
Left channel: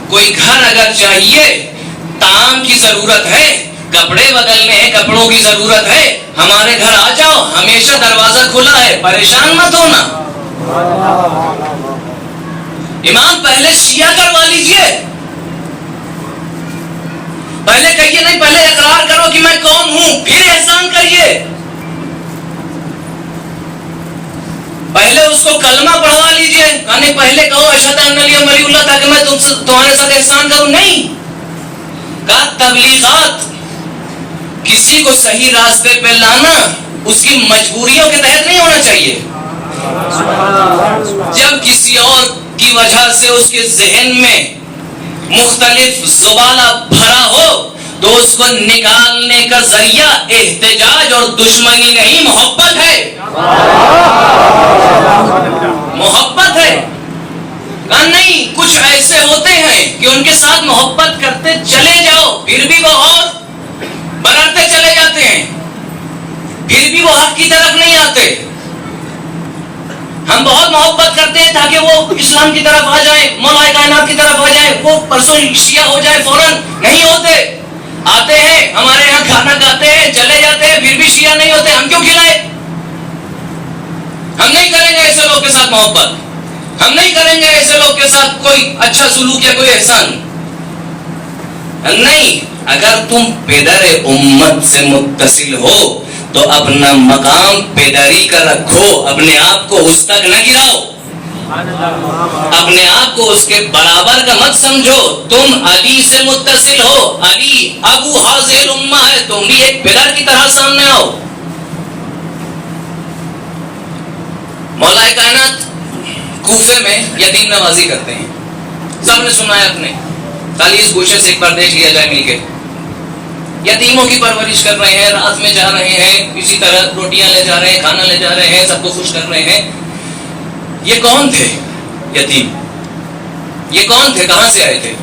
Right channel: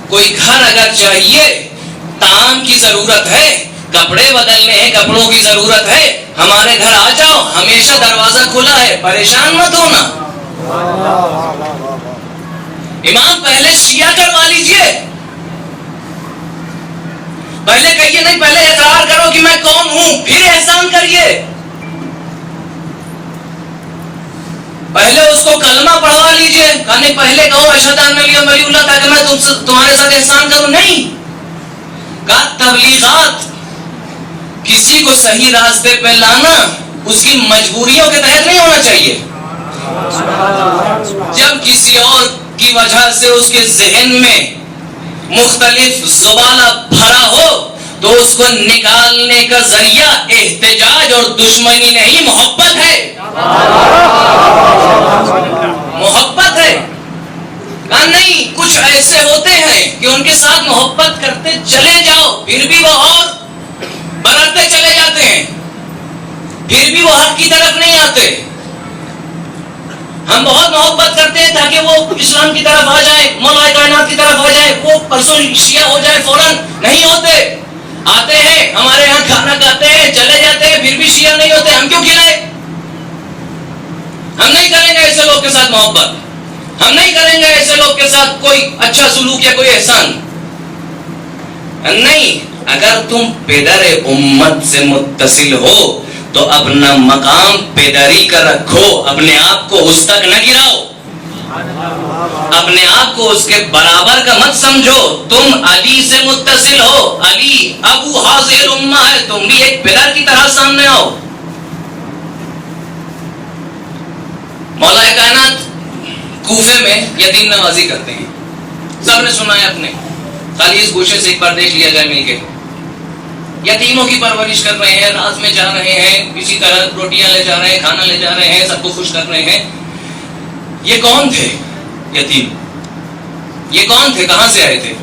کوئی گھر اگر چاہیے، طعام کی ضرورت ہے، کپڑے بدلنے ہیں، کپڑوں کی ضرورت ہے، ہمارے گھر آ جاؤ، ہمیشہ دروازہ کھلا ہے، پریشان مت ہونا. امام پہلے شیعہ کروا لیجئے، پہلے کہیے نہیں، پہلے اقرار کرو کہ میں کون ہوں، پھر احسان کریے. پہلے اس کو کلمہ پڑھوا لیجئے، کہنے پہلے کہو اشہد ان لا الہ الا اللہ تاکہ میں تمہارے ساتھ احسان کروں. نہیں کہا تبلیغات، کسی کو صحیح راستے پہ لانا اس کی مجبوریوں کے تحت نہیں ہونا چاہیے. جب کسی اور کی وجہ سے اس کے ذہن میں مختلف زبالہ بھرا ہو تو اس کو نکالنے کا ذریعہ احتجاج اور دشمنی نہیں، محبت ہے. محبت ہے. نہیں، کچھ ایسے ہوتے ہیں کہ ان کے ساتھ محبت کرتے چلے جاؤ، پھر بھی وہ اور برتے چلے جاتے ہیں، پھر بھی وہ حق کی طرف نہیں آتے. ہم بہت محبت کرتے ہیں تاکہ وہ اسلام کی طرف آ جائیں، مولا کائنات کی طرف آ جائیں، وہ پرسوں شیعہ ہو جائے فوراً. نہیں ہوتے، آتے ہیں ہمارے یہاں کھانا کھاتے ہیں چلے جاتے ہیں، پھر بھی شیعہ نہیں ہوتے. ہم کیوں کھلائے؟ ہم نہیں کریں گے ایسے لوگ کے ساتھ محبت، ہم نہیں کریں گے ایسے لوگ کے ساتھ کوئی اچھا سلوک یا کوئی احسان نہیں. اگر تم پدر امت سے متصل ہو تو اپنا مقام پیداری کا رکھو، اپنے آپ کو اس تک نہ گراؤ، اپنے آپ کو اس کے برابر کا مت سمجھو. تم علی سے متصل ہو، علی ابو حاضر الامہ ہے، تم بھی ایک پدر کی طرح سامنے آؤ. مولا کائنات کوفے میں یتیم نوازی کرتے ہیں، سب نے سنا ہے. اپنے خالی اس گوشے سے ایک بار دیکھ لیا جائے مل کے. یتیموں کی پرورش کر رہے ہیں, رات میں جا رہے ہیں, کسی طرح روٹیاں لے جا رہے ہیں, کھانا لے جا رہے ہیں, سب کو خوش کر رہے ہیں. یہ کون تھے یتیم؟ یہ کون تھے؟ کہاں سے آئے تھے؟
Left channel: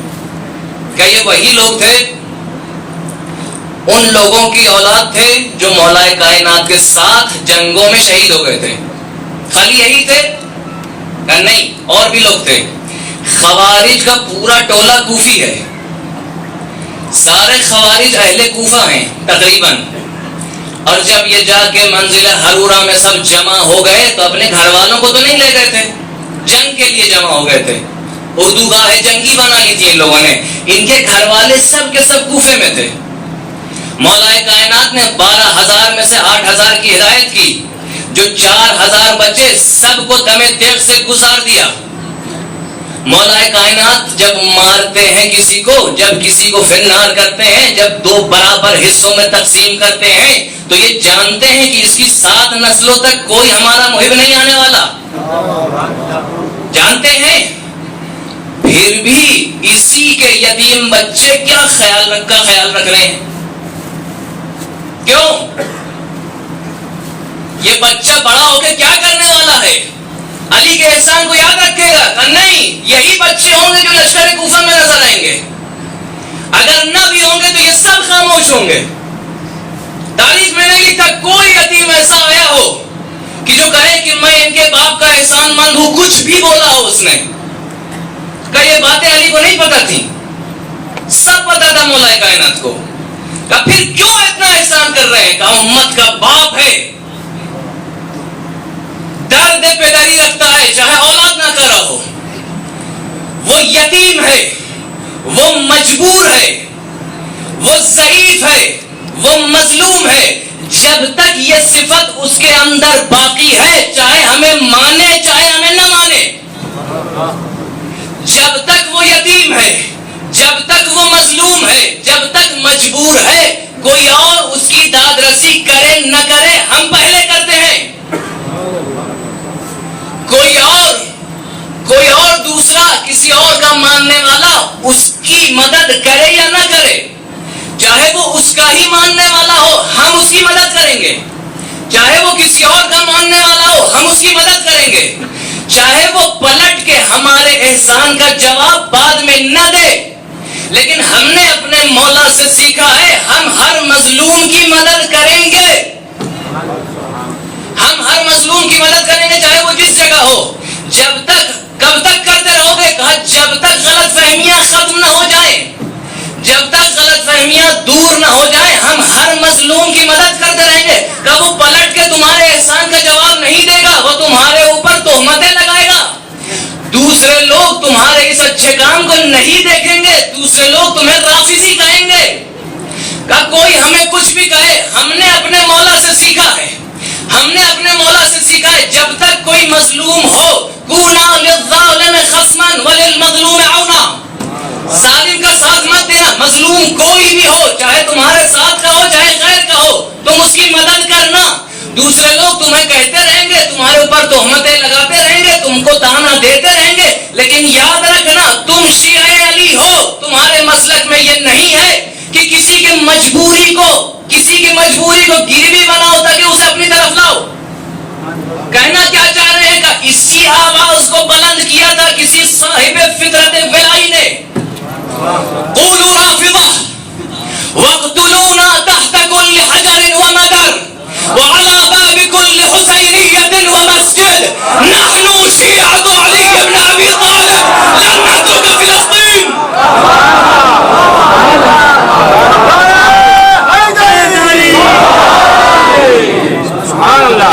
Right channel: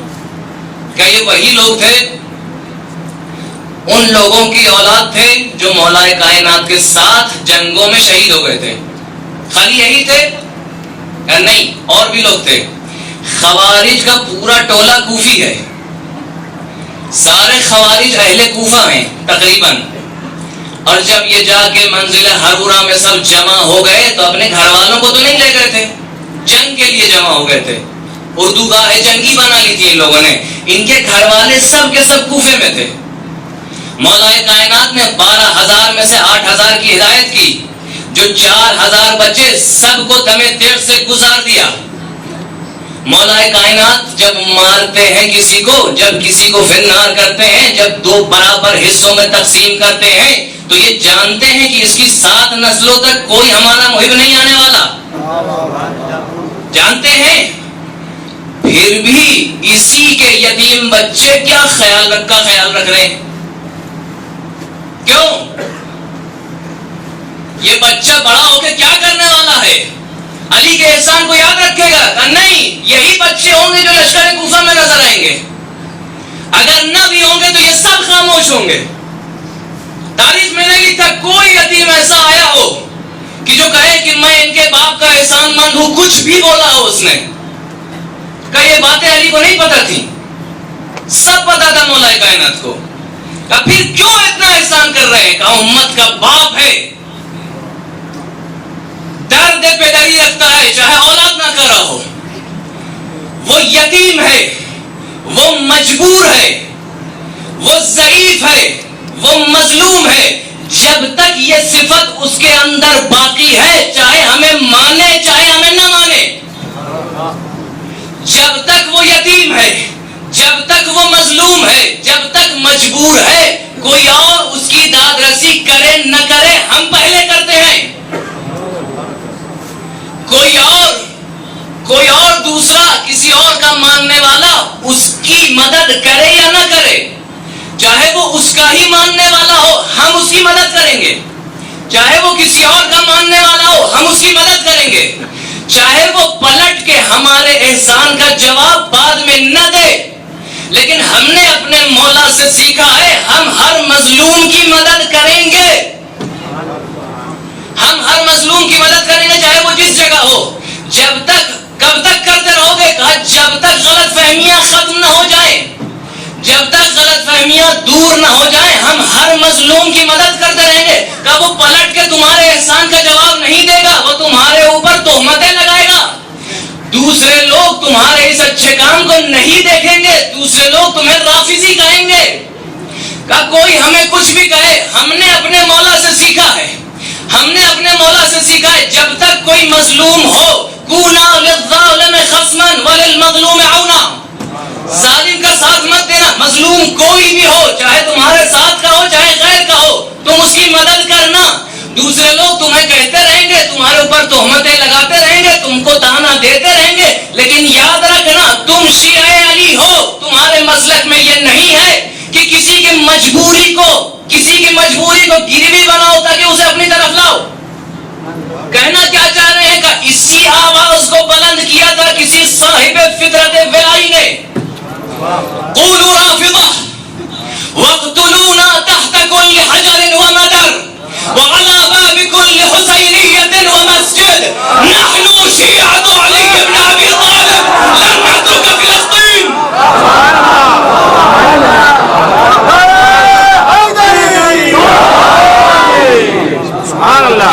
کیا یہ وہی لوگ تھے؟ ان لوگوں کی اولاد تھے جو مولا کائنات کے ساتھ جنگوں میں شہید ہو گئے تھے. خالی یہی تھے؟ نہیں, اور بھی لوگ تھے. خوارج کا پورا ٹولہ کوفی ہے, سارے خوارج اہل کوفہ ہیں تقریباً. اور جب یہ جا کے منزل ہرورہ میں سب جمع ہو گئے تو اپنے گھر والوں کو تو نہیں لے گئے تھے, جنگ کے لیے جمع ہو گئے تھے. اردو گاہ جنگی بنا لی تھی ان لوگوں نے. ان کے گھر والے سب کے سب کوفے میں تھے. مولا کائنات نے 12,000 میں سے 8,000 کی ہدایت کی. جو 4,000 بچے سب کو دمے تیغ سے گزار دیا. مولا کائنات جب مارتے ہیں کسی کو, جب کسی کو فنار کرتے ہیں, جب 2 برابر حصوں میں تقسیم کرتے ہیں, تو یہ جانتے ہیں کہ اس کی 7 نسلوں تک کوئی ہمارا محب نہیں آنے والا. جانتے ہیں, پھر بھی اسی کے یتیم بچے کیا خیال رکھ رہے ہیں. کیوں؟ یہ بچہ بڑا ہو کے کیا کرنے والا ہے؟ علی کے احسان کو یاد رکھے گا؟ نہیں, یہی بچے ہوں گے جو لشکر کوفہ میں نظر آئیں گے. اگر نہ بھی ہوں گے تو یہ سب خاموش ہوں گے. تاریخ میں نہیں لکھتا کوئی یتیم ایسا آیا ہو کہ جو کہے کہ میں ان کے باپ کا احسان مند ہوں. کچھ بھی بولا ہو اس نے, کہ یہ باتیں علی کو نہیں پتا تھی, سب پتا تھا مولا کائنات کو. کہ پھر کیوں اتنا احسان کر رہے ہیں؟ کہ امت کا باپ ہے, درد پیداری رکھتا ہے چاہے اولاد نہ کر رہا ہو. وہ یتیم ہے, وہ مجبور ہے, وہ ضعیف ہے, وہ مظلوم ہے. جب تک یہ صفت اس کے اندر باقی ہے, چاہے ہمیں مانے چاہے ہمیں نہ مانے, جب تک وہ یتیم ہے, جب تک وہ مظلوم ہے, جب تک مجبور ہے, کوئی اور اس کی داد رسی کرے نہ کرے, ہم پہلے کرتے ہیں. کوئی اور دوسرا کسی اور کا ماننے والا اس کی مدد کرے یا نہ کرے, چاہے وہ اس کا ہی ماننے والا ہو, ہم اس کی مدد کریں گے. چاہے وہ کسی اور کا ماننے والا ہو, ہم اس کی مدد کریں گے. چاہے وہ پلٹ کے ہمارے احسان کا جواب بعد میں نہ دے, لیکن ہم نے اپنے مولا سے سیکھا ہے ہم ہر مظلوم کی مدد کریں گے. ہم ہر مظلوم کی مدد کریں گے, چاہے وہ جس جگہ ہو. جب تک, کب تک کرتے رہو گے؟ کہا جب تک غلط فہمیاں ختم نہ ہو جائیں, جب تک غلط فہمیاں دور نہ ہو جائیں, ہم ہر مظلوم کی مدد کرتے رہیں گے. کہ وہ پلٹ کے تمہارے احسان کا جواب نہیں دے گا, وہ تمہارے اوپر تہمتیں لگائے گا. دوسرے لوگ تمہارے اس اچھے کام کو نہیں دیکھیں گے, دوسرے لوگ تمہیں رافضی کہیں گے. کہ کوئی ہمیں کچھ بھی کہے, ہم نے اپنے مولا سے سیکھا ہے, ہم نے اپنے مولا سے سیکھا ہے جب تک کوئی مظلوم ہو, کونا للظالم خصما وللمظلوم عونا, ظالم کا ساتھ مت دینا. مظلوم کوئی بھی ہو, چاہے تمہارے ساتھ کا ہو چاہے غیر کا ہو, تم اس کی مدد کرنا. دوسرے لوگ تمہیں کہتے رہیں گے, تمہارے اوپر تہمتیں لگاتے رہیں گے, تم کو تانا دیتے رہیں گے, لیکن یاد رکھنا تم شیعہ علی ہو. تمہارے مسلک میں یہ نہیں ہے کہ کسی کی مجبوری کو گروی بناؤ تاکہ اسے اپنی طرف لاؤ. کہنا کیا چاہ رہے ہیں؟ کہ اسی آواز کو بلند کیا تھا کسی صاحب فطرت ولائی نے, قولوا رافضہ واقتلونا تحت كل حجر ومدر وعلى باب كل حسينية ومسجد نحن شيعة علي بن أبي طالب لن نترك فلسطين. سبحان اللہ.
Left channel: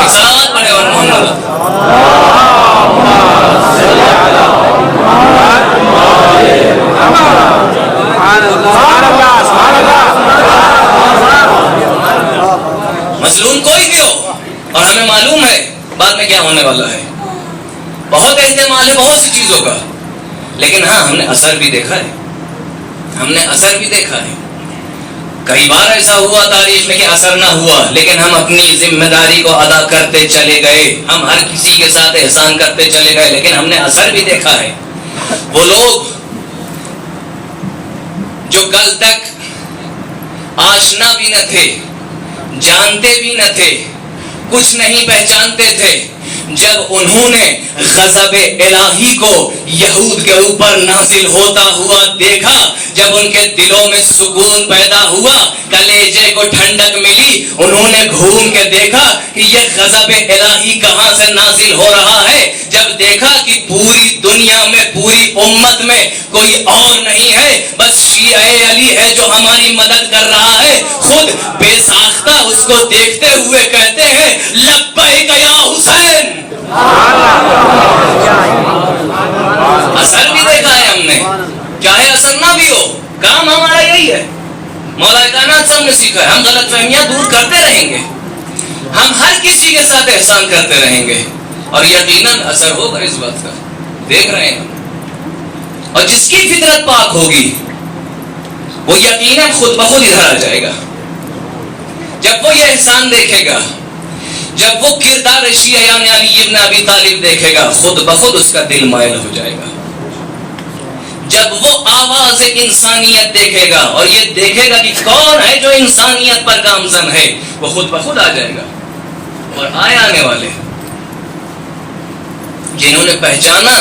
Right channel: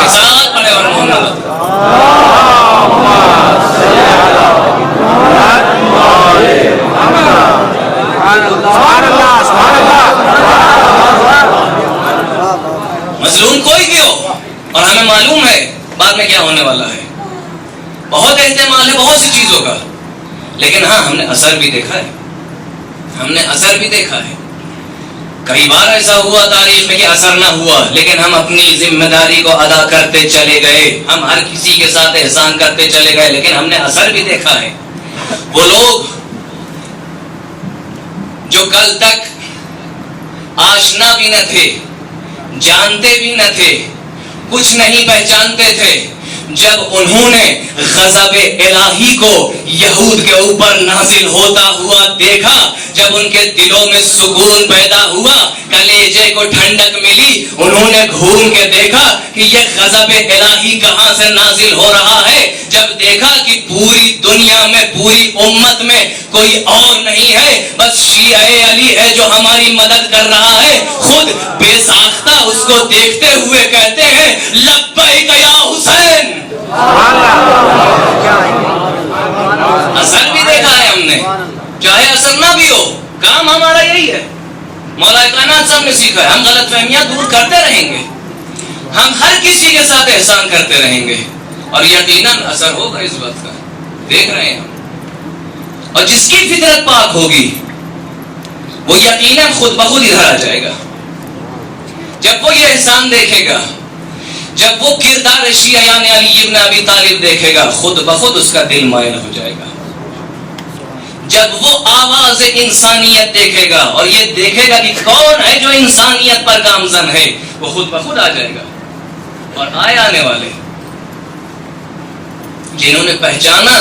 مظلوم کوئی بھی ہو, اور ہمیں معلوم ہے بعد میں کیا ہونے والا ہے. بہت احتمال ہے بہت سی چیزوں کا, لیکن ہاں ہم نے اثر بھی دیکھا ہے. کئی بار ایسا ہوا تاریخ میں کہ اثر نہ ہوا, لیکن ہم اپنی ذمہ داری کو ادا کرتے چلے گئے. ہم ہر کسی کے ساتھ احسان کرتے چلے گئے, لیکن ہم نے اثر بھی دیکھا ہے. وہ لوگ جو کل تک آشنا بھی نہ تھے, جانتے بھی نہ تھے, کچھ نہیں پہچانتے تھے. جب انہوں نے غضب الہی کو یہود کے اوپر نازل ہوتا ہوا دیکھا, جب ان کے دلوں میں سکون پیدا ہوا, کلیجے کو ٹھنڈک ملی, انہوں نے گھوم کے دیکھا کہ یہ غضب الہی کہاں سے نازل ہو رہا ہے. جب دیکھا کہ پوری دنیا میں, پوری امت میں کوئی اور نہیں ہے, بس شیعہ علی ہے جو ہماری مدد کر رہا ہے, خود بے ساختہ اس کو دیکھتے ہوئے کہتے ہیں لبیک یا حسین. اثر بھی دیکھا ہے ہم نے, چاہے اثر نہ بھی ہو, کام ہمارا یہی ہے. مولا کائنات سب نے سیکھا ہے, ہم غلط فہمیاں دور کرتے رہیں گے, ہم ہر کسی کے ساتھ احسان کرتے رہیں گے, اور یقیناً اثر ہوگا اس بات کا, دیکھ رہے ہیں. اور جس کی فطرت پاک ہوگی وہ یقیناً خود بخود ادھر آ جائے گا. جب وہ یہ احسان دیکھے گا, جب وہ کردار شیعہ یعنی علی ابن ابی طالب دیکھے گا, خود بخود اس کا دل مائل ہو جائے گا. جب وہ آواز انسانیت دیکھے گا اور یہ دیکھے گا کہ کون ہے جو انسانیت پر گامزن ہے, وہ خود بخود آ جائے گا. اور آنے والے جنہوں نے پہچانا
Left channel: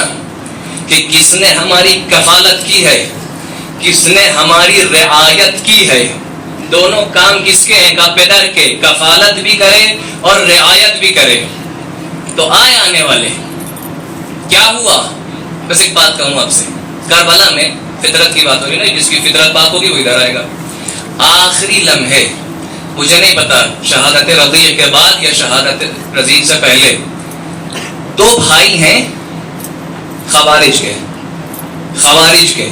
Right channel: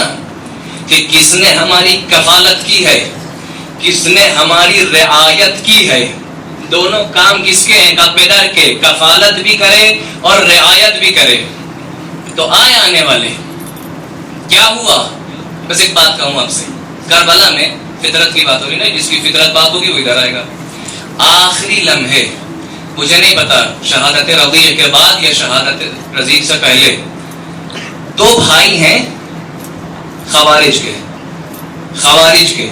کہ کس نے ہماری کفالت کی ہے, کس نے ہماری رعایت کی ہے, دونوں کام کس کے ہیں, کا پدر کے, کفالت بھی کرے اور رعایت بھی کرے. تو آنے والے کیا ہوا, بس ایک بات کہوں آپ سے, کربلا میں فطرت کی بات ہو رہی ہے نا, جس کی فطرت پاک ہوگی وہ ادھر آئے گا. آخری لمحے, مجھے نہیں پتا شہادت رضیع کے بعد یا شہادت رضیع سے پہلے, دو بھائی ہیں خوارج کے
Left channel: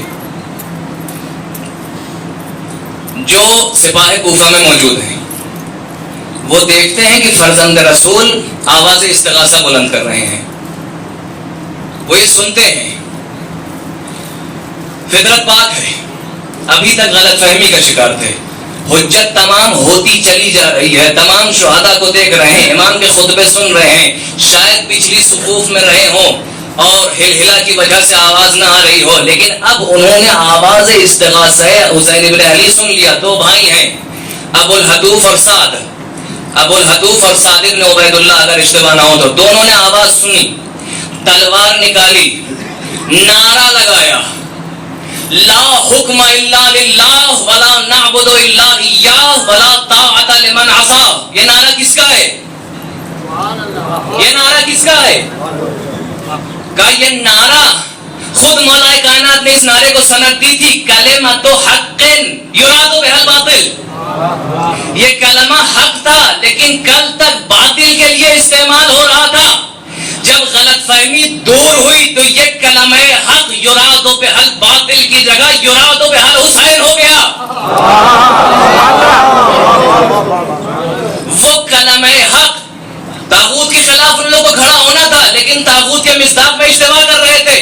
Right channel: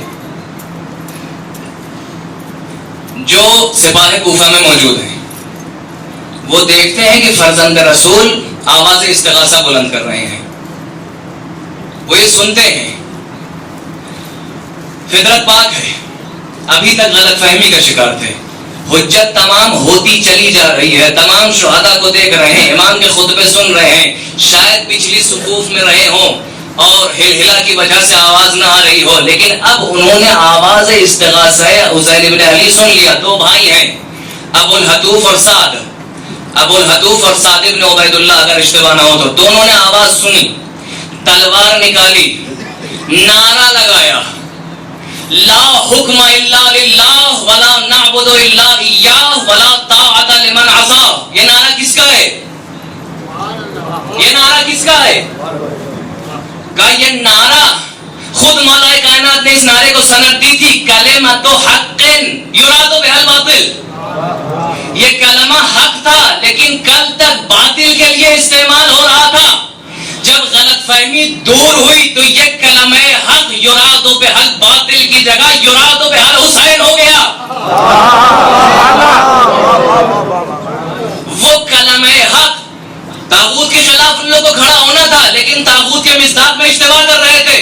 جو سپاہ کوفہ میں موجود ہیں. وہ دیکھتے ہیں کہ فرزند رسول آواز استغاثہ بلند کر رہے ہیں, وہ یہ سنتے ہیں, فطرت پاک ہے, ابھی تک غلط فہمی کا شکار تھے, حجت تمام ہوتی چلی جا رہی ہے, تمام شہداء کو دیکھ رہے ہیں, امام کے خطبے سن رہے ہیں, شاید پچھلی صفوف میں رہے ہوں اور ہلہلا کی وجہ سے آواز نہ آ رہی ہو, لیکن اب انہوں نے آواز استغاثہ حسین ابن علی سن لیا. دو بھائی ہیں, ابو الحدوف اور سعد ابن عبید اللہ, اگر اشتباہ نہ ہو تو, دونوں نے آواز سنی, تلوار نکالی, نعرہ لگایا, لا حکم الا للہ ولا نعبد الا ایاہ ولا طاعت لمن عصا. یہ نعرہ کس کا ہے, یہ نعرہ کس کا ہے؟ کہ یہ نعرہ خود مولا کائنات نے اس نعرے کو سند دی تھی, کلمۃ حق یراد بها الباطل. یہ کلمہ حق تھا لیکن کل تک باطل کے لیے استعمال ہو رہا تھا. جب غلط فہمی دور ہوئی تو یہ کلمہ حق یراد بها الباطل کی جگہ یراد بها الحسین ہو گیا. وہ کلمہ حق طاغوت کے خلاف ان لوگوں کو کھڑا ہونا تھا, لیکن طاغوت کے مصداق میں اشتباہ کر رہے تھے,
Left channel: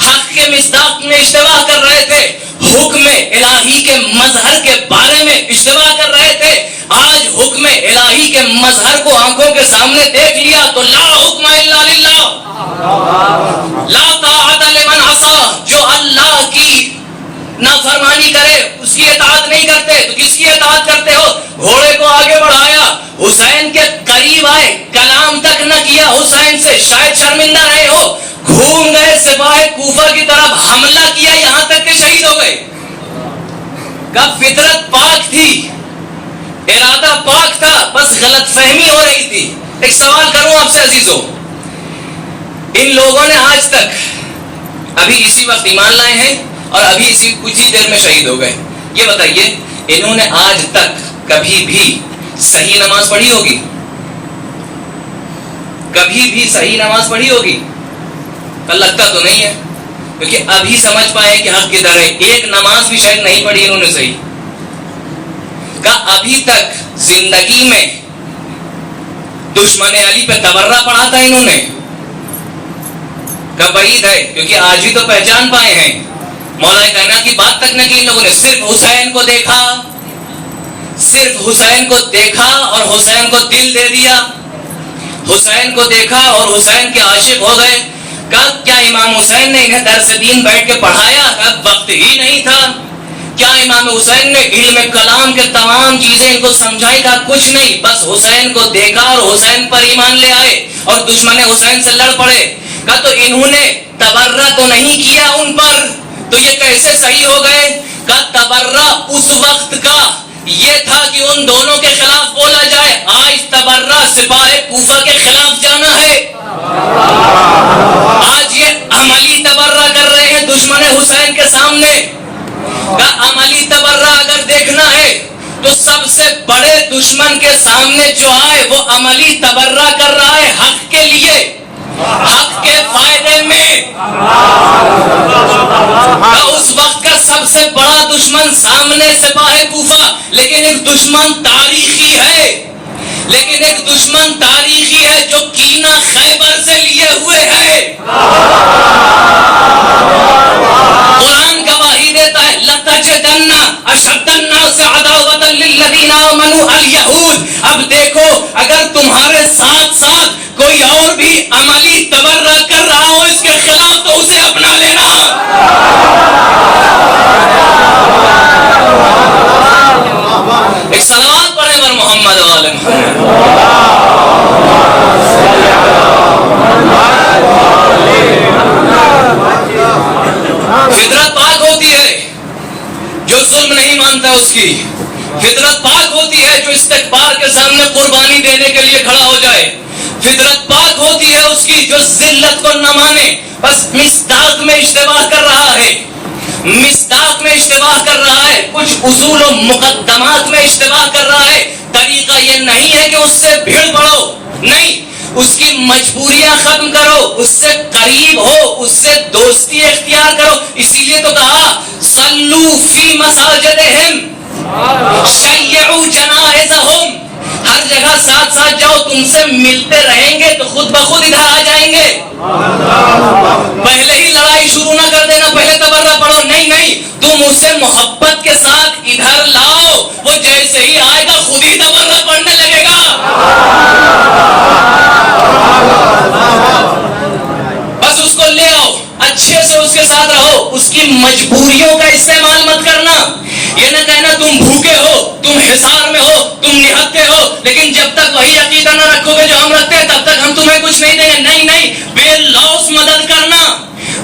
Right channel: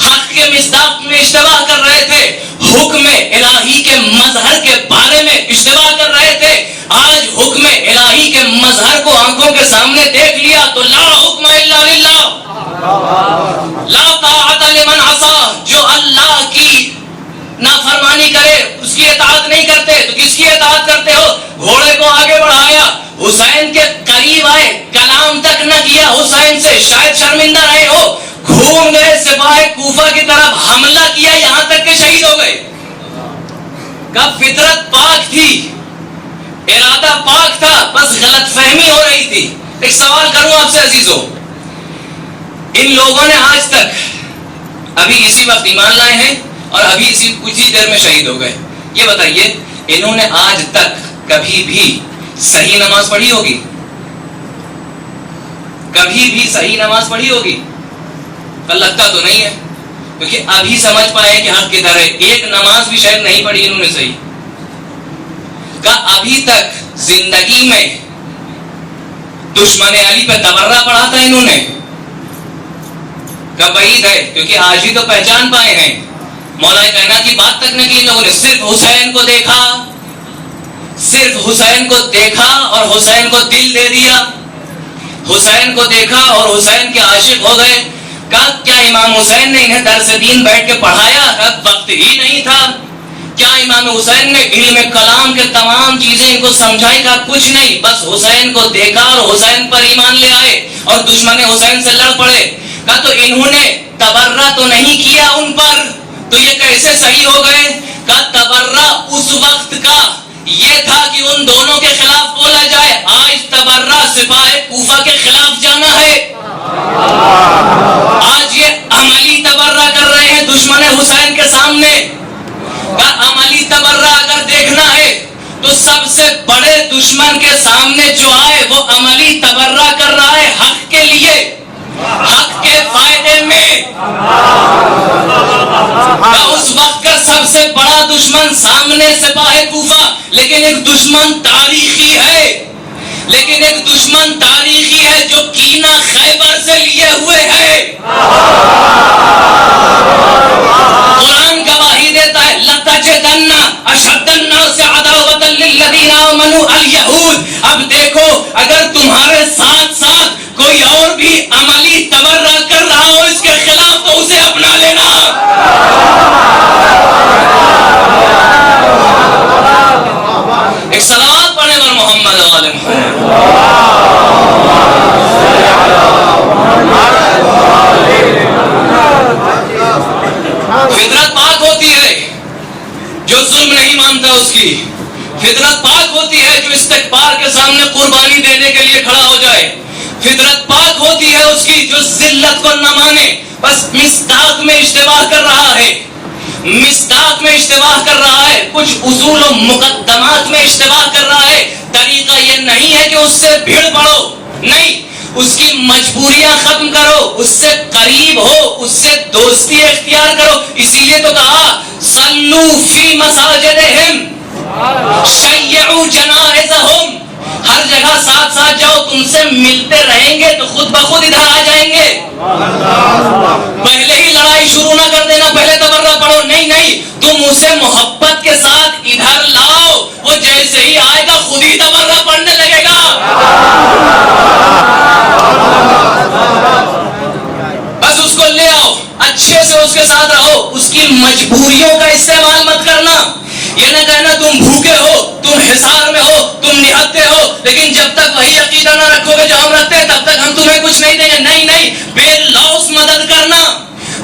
حق کے مصداق میں اشتباہ کر رہے تھے, حکم الہی کے مظہر کے بارے میں اشتباہ کر رہے تھے. آج حکم الہی کے مظہر کو آنکھوں کے سامنے دیکھ لیا تو لا حکم الا للہ, لا طاعت لمن عصا. جو اللہ کی نافرمانی کرے اس کی اطاعت نہیں کرتے, تو کس کی اطاعت کرتے ہو؟ گھوڑے کو آگے بڑھایا, حسین کے قریب آئے, کلام تک نہ کیا حسین سے, شاید شرمندہ رہے ہو, گھوم گئے سپاہ کوفہ کی طرف, حملہ کیا, یہاں تک کہ شہید ہو گئے. کب فطرت پاک تھی, ارادہ پاک تھا, بس غلط فہمی ہو رہی تھی. ایک سوال کروں آپ سے عزیزوں, ان لوگوں نے آج تک ابھی اسی وقت ایمان لائے ہیں اور ابھی اسی کچھ ہی دیر میں شہید ہو گئے, یہ بتائیے انہوں نے آج تک کبھی بھی صحیح نماز پڑھی ہوگی؟ کبھی بھی صحیح نماز پڑھی ہوگی؟ لگتا تو نہیں ہے, کیونکہ ابھی سمجھ پائے کہ حق کدھر ہے. ایک نماز بھی شاید نہیں پڑھی انہوں نے صحیح. ابھی تک زندگی میں دشمن علی پہ تبرہ پڑھا تھا انہوں نے؟ بعید ہے, کیونکہ آج ہی تو پہچان پائے ہیں. مولا کائنات کی بات تک نہ کی ان لوگوں نے, صرف حسین کو دیکھا, صرف حسین کو دیکھا اور حسین کو دل دے دیا, حسین کو دیکھا اور حسین کے عاشق ہو گئے. کب کیا امام حسین نے انہیں درس دین بیٹھ کے پڑھایا؟ کب وقت ہی نہیں تھا. کیا امام حسین نے علم کلام کے تمام چیزیں ان کو سمجھائی؟ کہا کچھ نہیں، بس حسین کو دیکھا اور حسین پر ایمان لے آئے اور دشمن حسین سے لڑ پڑے۔ کہا تو انہوں نے تبرہ تو نہیں کیا ان پر، تو یہ کیسے صحیح ہو گئے؟ کہا تبرہ اس وقت کا یہ تھا کہ ان دونوں کے خلاف بولا جائے، آج تبرہ سپاہ کوفہ کے خلاف جانا ہے۔ آج یہ عملی تبرہ کر رہے ہیں دشمن حسین کے سامنے۔ کا عملی تبرہ اگر دیکھنا ہے تو سب سے بڑے دشمن کے سامنے جو آئے وہ عملی تبرہ کر رہا ہے حق کے لیے، حق کے فائدے میں۔ اس وقت کا سب سے بڑا دشمن سامنے سپاہ کوفہ، لیکن ایک دشمن تاریخی ہے، لیکن ایک دشمن تاریخی ہے جو کینہ خیبر سے لیے ہوئے ہے۔ قرآن گواہی دیتا ہے لَتَجِدَنَّ أَشَدَّ النَّاسِ عَدَاوَةً لِلَّذِينَ آمَنُوا الْيَهُودَ۔ اب دیکھو اگر تمہارے ساتھ ساتھ کوئی اور بھی عملی تبرہ کر رہا ہو اس کے خلاف تو اسے اپنا لینا۔ ایک صلوات پڑھیں بر محمد و آل محمد۔ فطرت پاک ہوتی ہے جو ظلم نہیں مانتا، اس کی فطرت پاک ہوتی ہے جو استکبار کے سامنے قربانی دینے کے لیے کھڑا ہو جائے، فطرت پاک ہوتی ہے اس کی جو ذلت کو نہ مانے، بس مصداق میں اشتباہ کر رہا ہے، مصداق میں اشتباہ کر رہا ہے، کچھ اصول و مقدمات میں اشتباہ کر رہا ہے۔ طریقہ یہ نہیں ہے کہ اس سے بھیڑ پڑو، نہیں، اس کی مجبوریاں ختم کرو، اس سے قریب ہو، اس سے دوستی اختیار کرو۔ اسی لیے تو کہا صلو فی مساجدہم شیعوا جنائزہم، ہر جگہ ساتھ ساتھ جاؤ، تم سے ملتے رہیں گے تو خود بخود ادھر آ جائیں گے۔ پہلے ہی لڑائی شروع نہ کر دینا، پہلے تبرہ پڑھو، نہیں نہیں، تم اسے محبت کے ساتھ ادھر لاؤ، وہ جیسے ہی آئے گا خود ہی تبرہ پڑھنے لگے گا۔ بس اس کو لے آؤ، اچھے سے اس کے ساتھ رہو، اس کی مجبوریوں کا استعمال مت کرنا۔ یہ نہ کہنا تم بھوکے ہو، تم حصار میں ہو، تم نہتے ہو، لیکن جب تک وہی عقیدہ نہ رکھو گے جو ہم رکھتے ہیں تب تک ہم تمہیں کچھ نہیں دیں گے۔ نہیں نہیں، بے لوث مدد کرنا،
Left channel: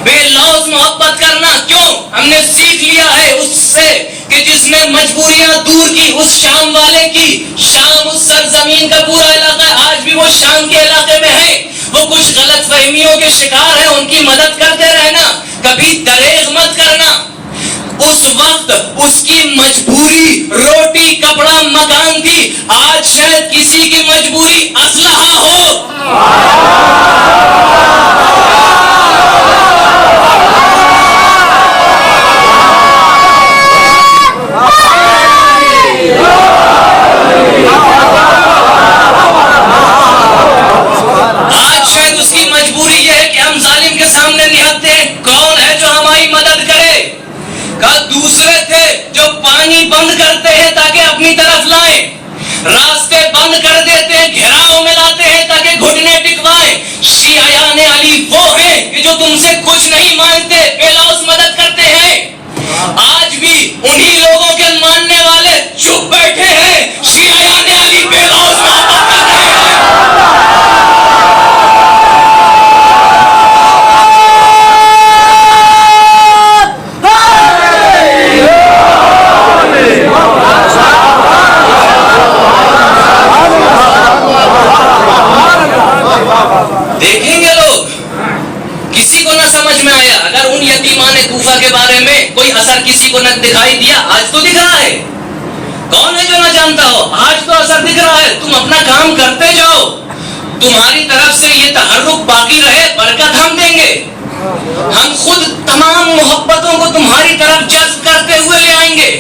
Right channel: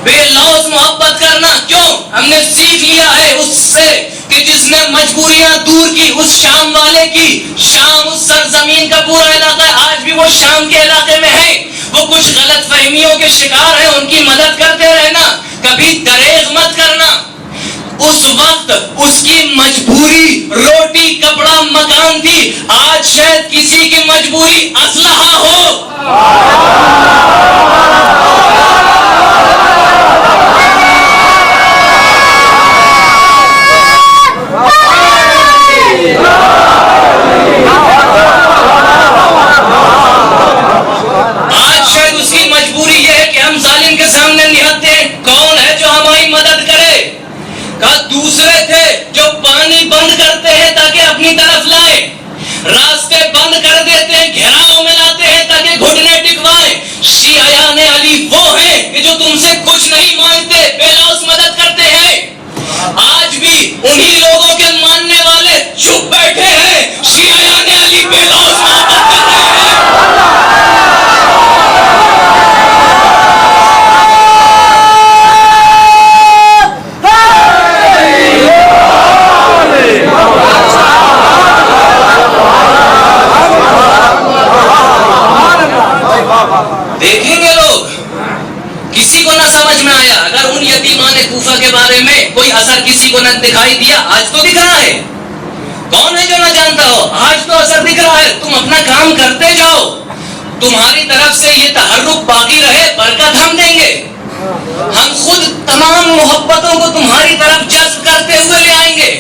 بے لوث محبت کرنا۔ کیوں؟ ہم نے سیکھ لیا ہے اس سے کہ جس نے مجبوریاں دور کی اس شام والے کی، شام اس سرزمین کا پورا علاقہ ہے، آج بھی وہ شام کے علاقے میں ہے، وہ کچھ غلط فہمیوں کے شکار ہیں، ان کی مدد کرتے رہنا، کبھی دریغ مت کرنا۔ اس وقت اس کی مجبوری روٹی کپڑا مکان تھی، آج شاید کسی کی مجبوری اسلحہ ہو۔ آج شاید اس کی مجبوری یہ ہے کہ ہم ظالم کے سامنے نہتے ہیں، کون ہے جو ہماری مدد کرے؟ کہا دوسرے تھے جو پانی بند کرتے ہیں تاکہ اپنی طرف لائیں، راستے بند کر دیتے ہیں، گھیراؤ میں لاتے ہیں تاکہ گھٹنے ٹکوائیں۔ شیعیان علی وہ ہیں کہ جو تم سے کچھ نہیں مانگتے، بے لوث مدد کرتے ہیں۔ آج بھی انہی لوگوں کے ماننے والے چپ بیٹھے ہیں، شیعیان علی بے لوث محبت کر رہے ہیں۔ دیکھیں گے لوگ، کسی کو نہ سمجھ میں آیا، اگر ان یتیمان کوفہ کے بارے میں کوئی اثر کسی کو نہ دکھائی دیا، آج تو دکھ رہا ہے، کون ہے جو نہ جانتا ہو، آج تو اثر دکھ رہا ہے۔ تم اپنا کام کرتے جاؤ، تمہاری طرف سے یہ تحرک باقی رہے، برکت ہم دیں گے، ہم خود تمام محبتوں کو تمہاری طرف جذب کرتے ہوئے لے آئیں گے،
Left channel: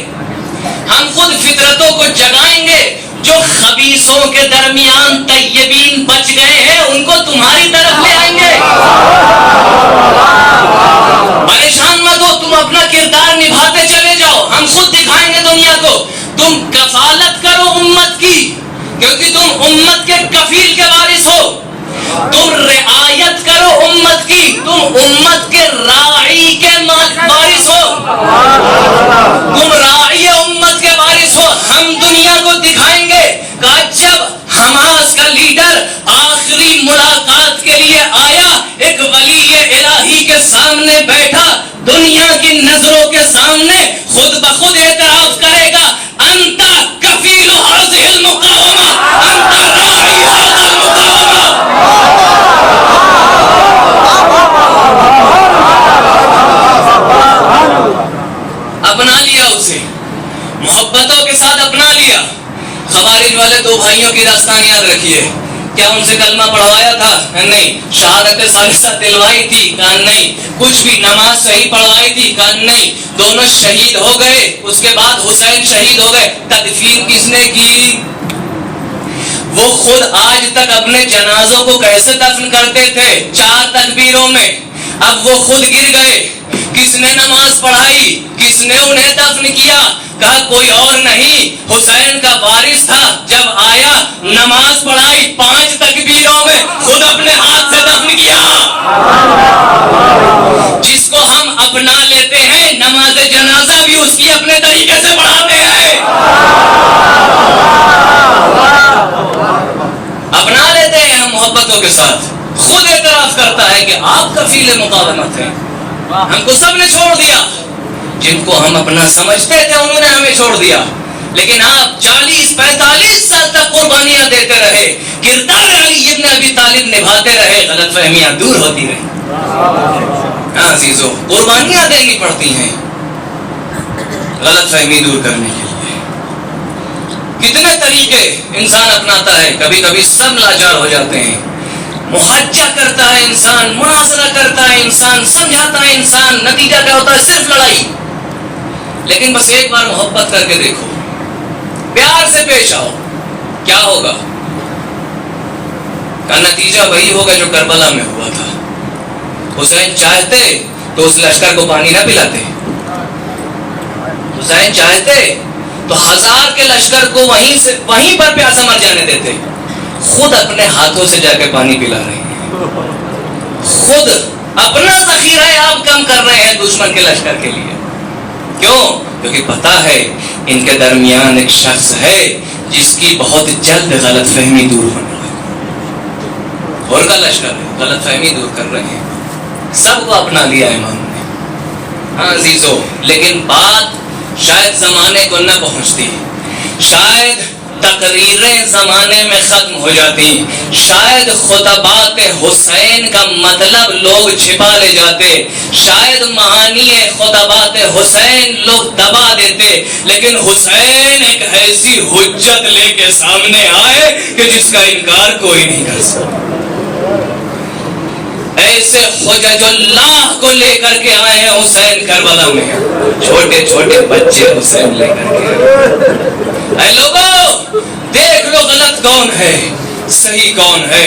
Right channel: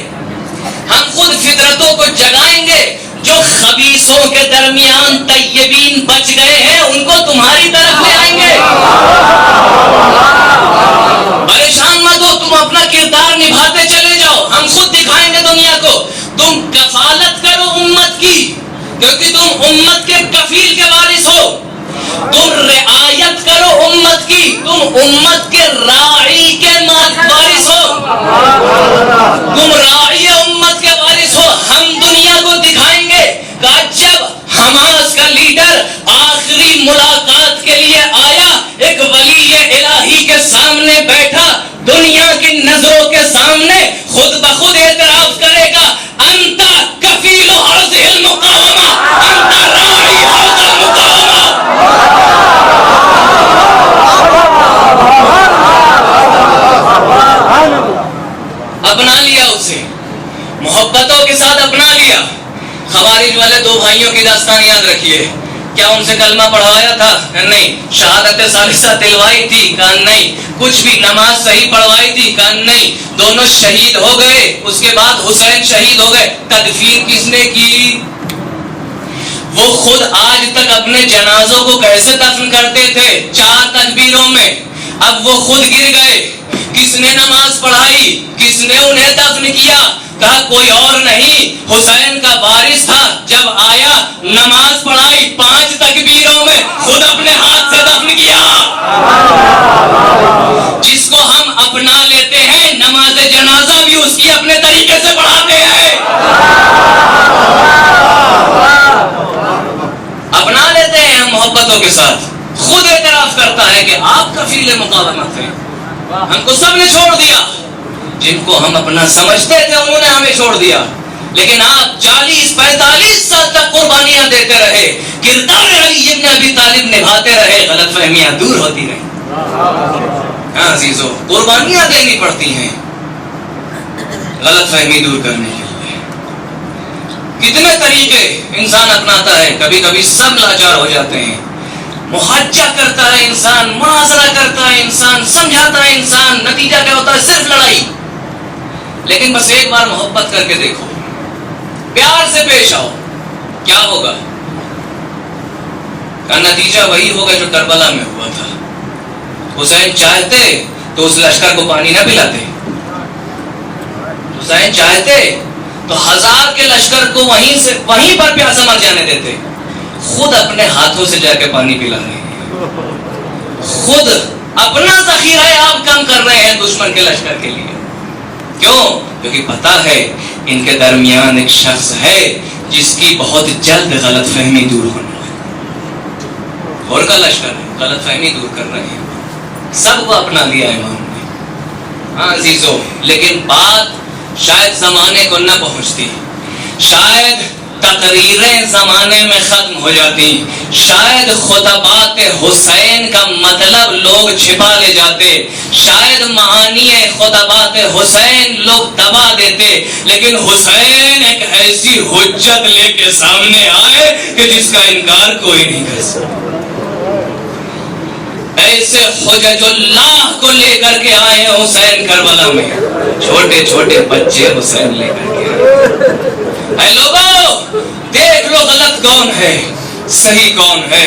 ہم خود فطرتوں کو جگائیں گے، جو خبیثوں کے درمیان طیبین بچ گئے ہیں ان کو تمہاری طرف لے آئیں گے۔ پریشان مت ہو، تم اپنا کردار نبھاتے چلے جاؤ، ہم خود دکھائیں گے دنیا کو۔ تم کفالت کرو امت کی، کیونکہ تم امت کے کفیل کے وارث ہو۔ تم رعایت کرو امت کی، تم امت کے راعی کے وارث ہو، تم راعی امت کے وارث ہو۔ ہم دنیا کو دکھائیں گے کہ جب حماس کا لیڈر آخری ملاقات کے لیے آیا، ایک ولی الہی کے سامنے بیٹھا، دنیا کی نظروں کے سامنے خود بخود اعتراف کرے گا، انت کفیل هذه المقاومہ، انت راعی هذا المقاومہ۔ اپنا لیا اسے، محبتوں کے ساتھ اپنا لیا۔ خوارج والے دو بھائیوں کی داستان یاد رکھیے، کیا ان سے کلمہ پڑھوایا تھا؟ نہیں۔ شہادت ثالثہ دلوائی تھی؟ کہا نہیں۔ کچھ بھی نماز صحیح پڑھوائی تھی؟ کہا نہیں۔ دونوں شہید ہو گئے، اس کے بعد حسین شہید ہو گئے، تدفین کس نے کی؟ وہ خود آج تک اپنے جنازوں کو کیسے دفن کرتے تھے؟ 4 تکبیروں میں۔ اب وہ خود گر گئے، کس نے نماز پڑھائی؟ کس نے انہیں دفن کیا؟ کہا کوئی اور نہیں، حسین کا وارث تھا، جب آیا نماز پڑھائی 5 تکبیروں میں، خود اپنے ہاتھ سے دفن کیا۔ جس کو ہم اپنا لیتے ہیں، نماز جنازہ بھی اس کی اپنے طریقے سے پڑھاتے ہیں، اپنا لیتے ہیں ہم محبتوں کے ساتھ۔ خود اعتراف کرتا ہے کہ آپ کفیل مقاومت ہیں، ہم کو سب نے چھوڑ دیا، جن کو ہم اپنا سمجھتے تھے انہوں نے ہمیں چھوڑ دیا، لیکن آپ 40-45 سال تک قربانیاں دیتے رہے، کردار علی ابن ابی طالب نبھاتے رہے، غلط فہمیاں دور ہوتی رہیں۔ ہاں عزیزو، قربانیاں دینی پڑتی ہیں غلط فہمی دور کرنے کے لیے۔ کتنے طریقے انسان اپناتا ہے، کبھی کبھی سب لاچار ہو جاتے ہیں، محاجہ کرتا ہے انسان، معاذرہ کرتا ہے انسان، سمجھاتا ہے انسان، نتیجہ کیا ہوتا ہے؟ صرف لڑائی۔ لیکن بس ایک بار محبت کر کے دیکھو، پیار سے پیش آؤ، کیا ہوگا؟ کا نتیجہ وہی ہوگا جو کربلا میں ہوا تھا۔ حسین چاہتے تو اس لشکر کو پانی نہ پلاتے، حسین چاہتے تو 1000 کے لشکر کو وہیں پر پیاسا مر جانے دیتے، خود اپنے ہاتھوں سے جا کے پانی پلا رہے ہیں، خود اپنا ذخیرہ آپ کم کر رہے ہیں دشمن کے لشکر کے لیے۔ کیوں؟ کیونکہ پتا ہے ان کے درمیان ایک شخص ہے جس کی بہت جلد غلط فہمی دور ہونے والی، اور کا لشکر ہے، غلط فہمی دور کر رہے ہیں، سب کو اپنا لیا امام نے۔ ہاں عزیزو، لیکن بات شاید زمانے کو نہ پہنچتی، شاید تقریریں زمانے میں ختم ہو جاتی، شاید خطبات حسین کا مطلب لوگ چھپا لے جاتے، شاید معانی خطبات حسین لوگ دبا دیتے، لیکن حسین ایک ایسی حجت لے کے سامنے آئے کہ جس کا انکار کوئی نہیں کر سکتا۔ ایسے حجج اللہ کو لے کر کے آئے ہیں حسین کربلا میں، چھوٹے چھوٹے بچے حسین لے کر کے۔ اے لوگوں دیکھ لو غلط کون ہے، صحیح کون ہے،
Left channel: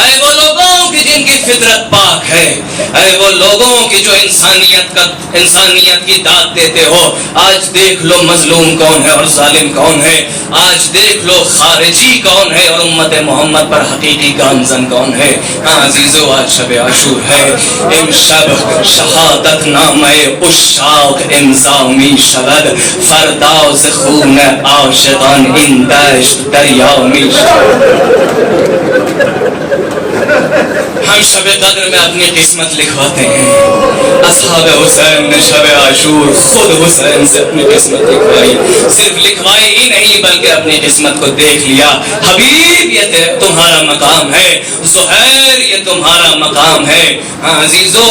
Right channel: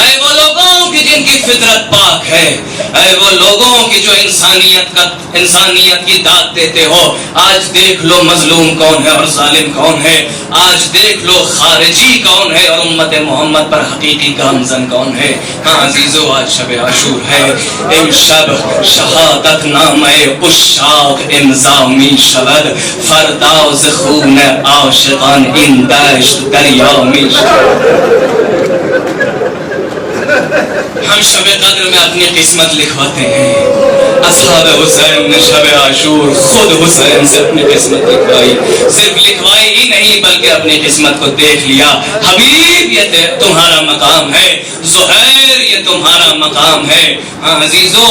اے وہ لوگوں کی جن کی فطرت پاک ہے، اے وہ لوگوں کی جو انسانیت کی داد دیتے ہو۔ آج دیکھ لو مظلوم کون ہے اور ظالم کون ہے، آج دیکھ لو خارجی کون ہے اور امت محمد پر حقیقی گامزن کون ہے۔ ہاں عزیزو، آج شب عاشور ہے، امشب شہادت نامہ عشاق امضا می شود، فرداز خون عاشقان این دشت دریا می شود۔ ہم شب قدر میں اپنی قسمت لکھواتے ہیں، اصحاب حسین نے شب عاشور خود حسین سے اپنی قسمت لکھوائی، صرف لکھوائی ہی نہیں بلکہ اپنی قسمت کو دیکھ لیا۔ حبیب یہ تمہارا مقام ہے، زہیر یہ تمہارا مقام ہے۔ ہاں عزیزو،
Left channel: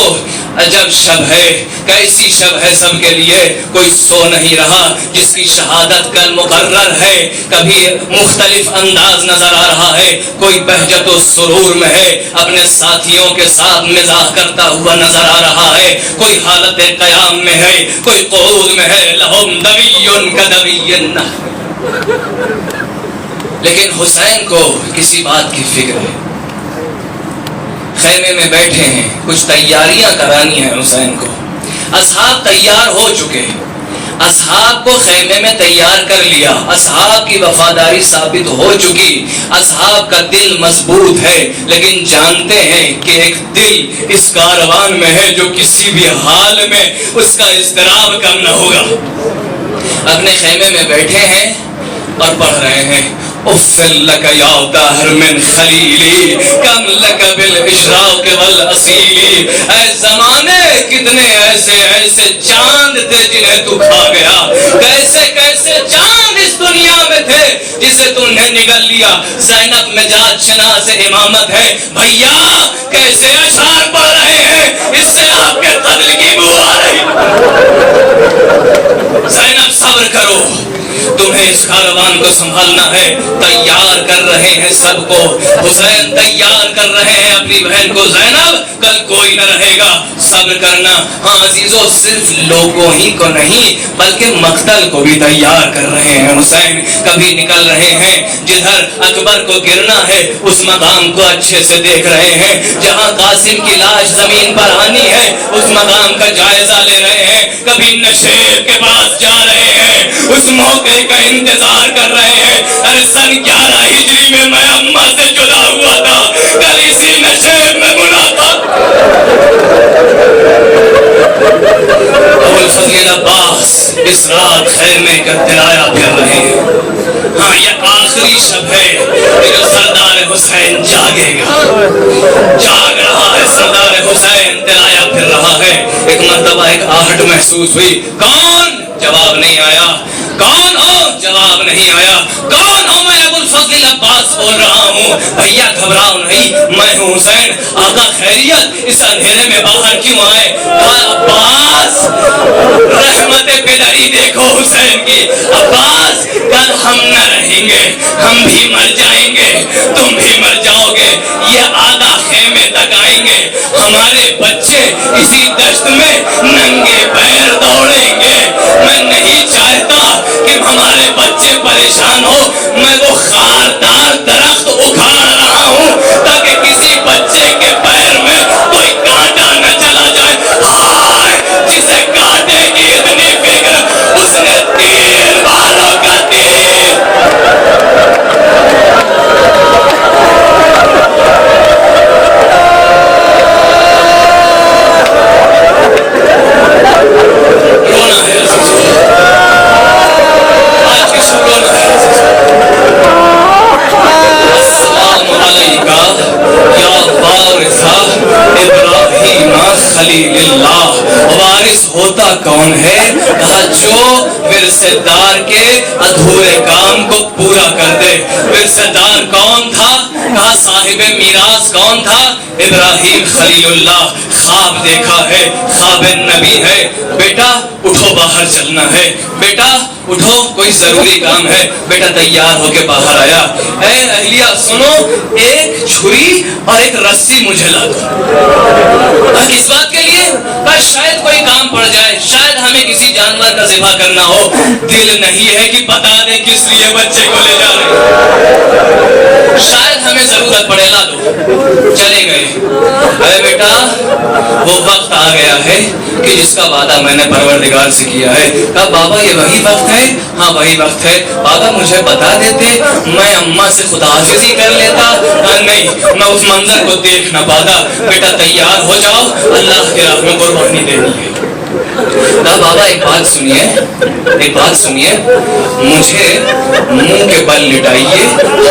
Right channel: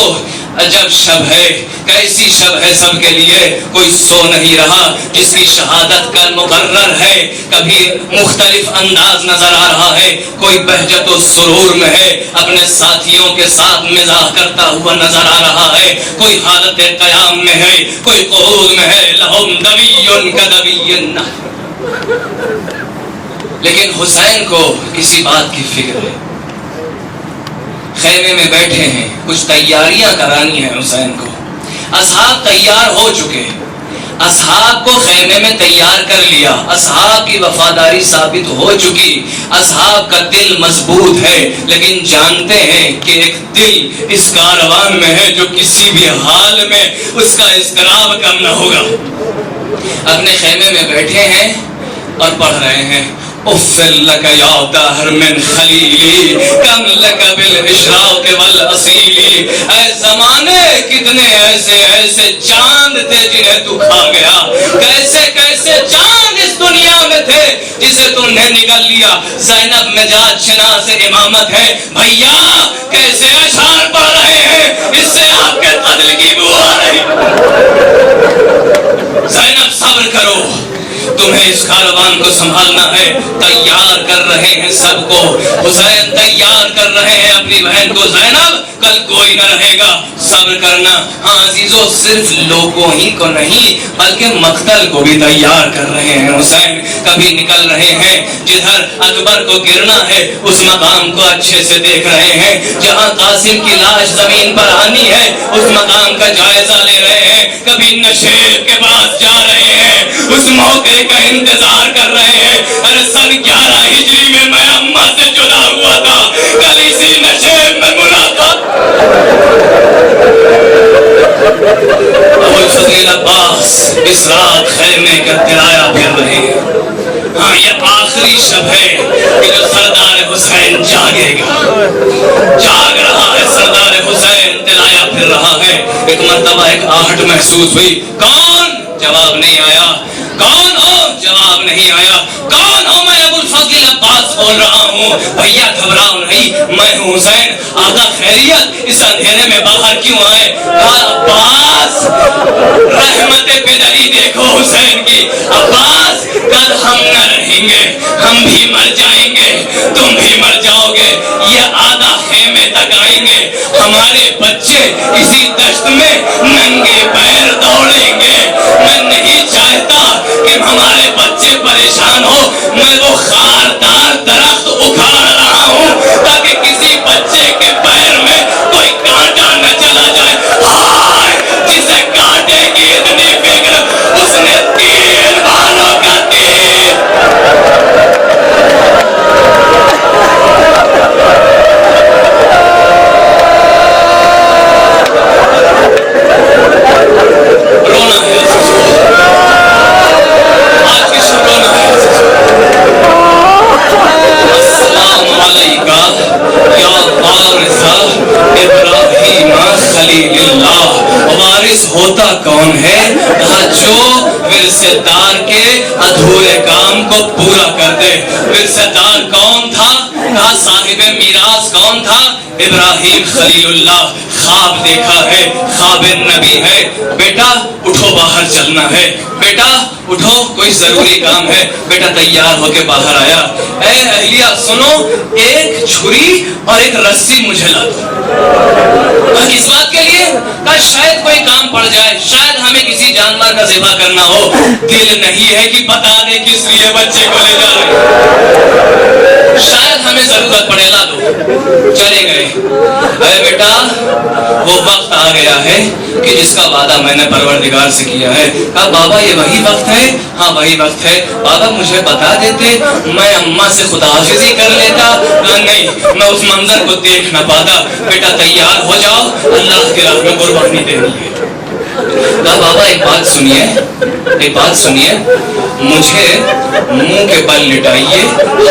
عجب شب ہے، کیسی شب ہے سب کے لیے، کوئی سو نہیں رہا، جس کی شہادت کل مقرر ہے، کبھی مختلف انداز نظر آ رہا ہے، کوئی بہجت و سرور میں ہے، اپنے ساتھیوں کے ساتھ مزاح کرتا ہوا نظر آ رہا ہے، کوئی حالت قیام میں ہے، کوئی قعود میں ہے، لہم دبی کدبی النحر۔ لیکن حسین کو کسی بات کی فکر ہے، خیمے میں بیٹھے ہیں، کچھ تیاریاں کرانی ہیں حسین کو، اصحاب تیار ہو چکے ہیں، اصحاب کو خیمے میں تیار کر لیا، اصحاب کی وفاداری ثابت ہو چکی، اصحاب کا دل مضبوط ہے، لیکن جانتے ہیں کہ ایک دل اس کاروان میں ہے جو کسی بھی حال میں اس کا اضطراب کم نہ ہوگا۔ اپنے خیمے میں بیٹھے ہیں اور پڑھ رہے ہیں اُفٍ لَكَ يَا دَهْرُ مِنْ خَلِيلِي كَمْ لَكَ بِالْإِشْرَاقِ وَالْأَصِيلِ، اے زمانے کتنے ایسے ایسے چاند تھے جنہیں تو کھا گیا، کیسے کیسے چاند اس دنیا میں تھے جسے تم نے نگل لیا۔ زینب نجات شناس امامت ہے، بھیا کیسے اشعار پڑھ رہے ہیں، اس سے آپ کے قتل کی بو آ رہی۔ زینب صبر کرو، تمہیں اس کاروان کو سنبھالنا ہے، تیار کر رہے ہیں سب کو، حسین تیار کر رہے ہیں اپنی بہن کو، زینب کل کوئی نہ رہے گا، صبر کرنا۔ ہاں عزیزو، صرف لوگوں ہی کو نہیں بلکہ مقتل کو بھی تیار کر رہے ہیں۔ حسین کبھی نکل رہے ہیں، جدھر اکبر کو گرنا ہے اس مقام کو اچھے سے دیکھ رہے ہیں، جہاں قاسم کی لاش زمین پر آنی ہے اس مقام کا جائزہ لے رہے ہیں، کبھی نشیب کے پاس جا رہے ہیں، اس موقع کا انتظار کر رہے ہیں۔ ارے سن 11 ہجری میں اماں سے جدا ہوا تھا، کل اسی نشیب میں ملاقات۔ ابوالفضل عباس اس رات خیمے کا دلایا پھر رہے ہیں۔ ہاں یہ آخری شب ہے کہ جو سردار حسین جاگے گا، جاگ رہا ہے سردار حسین، دلایا پھر رہا ہے۔ ایک مرتبہ ایک آہٹ محسوس ہوئی، کون؟ جواب نہیں آیا۔ کون ہو؟ جواب نہیں آیا۔ کون ہو؟ میں ابوالفضل عباس بول رہا ہوں۔ بھیا گھبراؤ نہیں، میں ہوں حسین۔ آقا خیریت، اس اندھیرے میں باہر کیوں آئے؟ عباس رحمت پدری دیکھو حسین کی۔ عباس کل ہم نہ رہیں گے، ہم بھی مر جائیں گے، تم بھی مر جاؤ گے، یہ آدھا خیمے تک آئیں گے، ہمارے بچے اسی دشت میں ننگے پیر دوڑیں گے۔ میں نہیں چاہتا کہ ہمارے بچے پریشان ہو، میں وہ خاردار درخت اکھاڑ رہا ہوں تاکہ کسی بچے کے پیر میں کوئی کانٹا نہ چلا جائے۔ ہائے جسے کانٹے کی اتنی فکر، اس نے تیر والوں کا تیر۔ رونا ہے آج کی شب، رونا ہے۔ السلام علیکہ یا وارث ابراہیم خلیل اللہ۔ وارث ہوتا کون ہے؟ کہا جو ورثے دار کے ادھورے کام کو پورا کر دے۔ ورثے دار کون تھا؟ کہا صاحب میراث کون تھا؟ ابراہیم خلیل اللہ۔ خواب دیکھا ہے، خواب نبی ہے، بیٹا اٹھو باہر چلنا ہے، بیٹا اٹھو کوئی ضروری کام ہے۔ بیٹا تیار ہو کے باہر آیا، اے اہلیہ سنو، ایک چھری اور ایک رسی مجھے لا دو۔ کس بات کے لیے؟ شاید کوئی کام پڑ جائے، شاید ہمیں کسی جانور کا ذبح کرنا ہو، دل نہیں ہے کہ بتا دیں کس لیے بچے کو لے جا رہے ہیں، شاید ہمیں ضرورت پڑے، لا دو۔ چلے گئے۔ اے بیٹا وہ وقت آ گیا ہے کہ جس کا وعدہ میں نے پروردگار سے کیا ہے۔ کہا بابا یہ وہی وقت ہے؟ ہاں وہی وقت ہے۔ بابا مجھے بتا دیتے، میں اماں سے خداحافظی کر لیتا۔ کہا نہیں، میں اس منظر کو دیکھ نہ پاتا۔ بیٹا تیار ہو جاؤ، اللہ کی راہ میں قربانی دینی ہے۔ کہا بابا ایک بات سنیے، ایک بات سنیے، مجھے منہ کے بل لٹائیے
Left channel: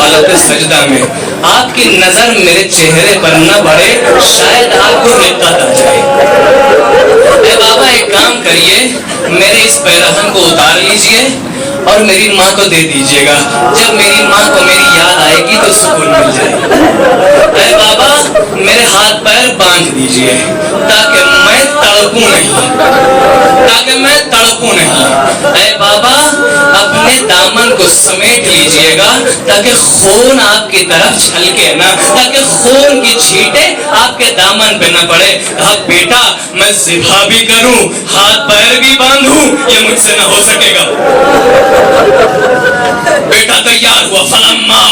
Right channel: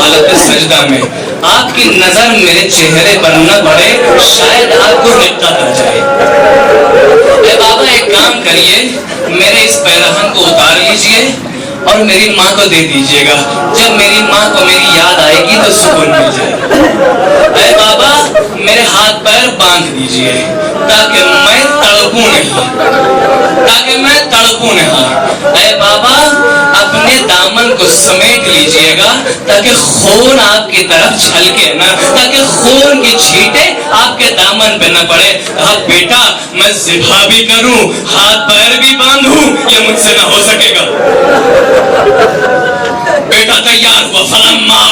حالت سجدہ میں، آپ کی نظر میرے چہرے پر نہ پڑے، شاید آپ کو رقت آ جائے۔ اے بابا ایک کام کریے، میرے اس پیرہن کو اتار لیجئے اور میری ماں کو دے دیجئے گا، جب میری ماں کو میری یاد آئے گی تو سکون مل جائے گا۔ اے بابا میرے ہاتھ پیر باندھ دیجئے تاکہ میں تڑپوں نہیں، تاکہ میں تڑپوں نہیں۔ اے بابا اپنے دامن کو سمیٹ لیجئے گا تاکہ خون آپ کی طرف چھلکے نہ، تاکہ خون کی چھینٹیں آپ کے دامن پہ نہ پڑے۔ کہا بیٹا میں ذبح بھی کروں، ہاتھ پیر بھی باندھوں، یہ مجھ سے نہ ہو سکے گا۔ بیٹا تیار ہوا، فلما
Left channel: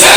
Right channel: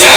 6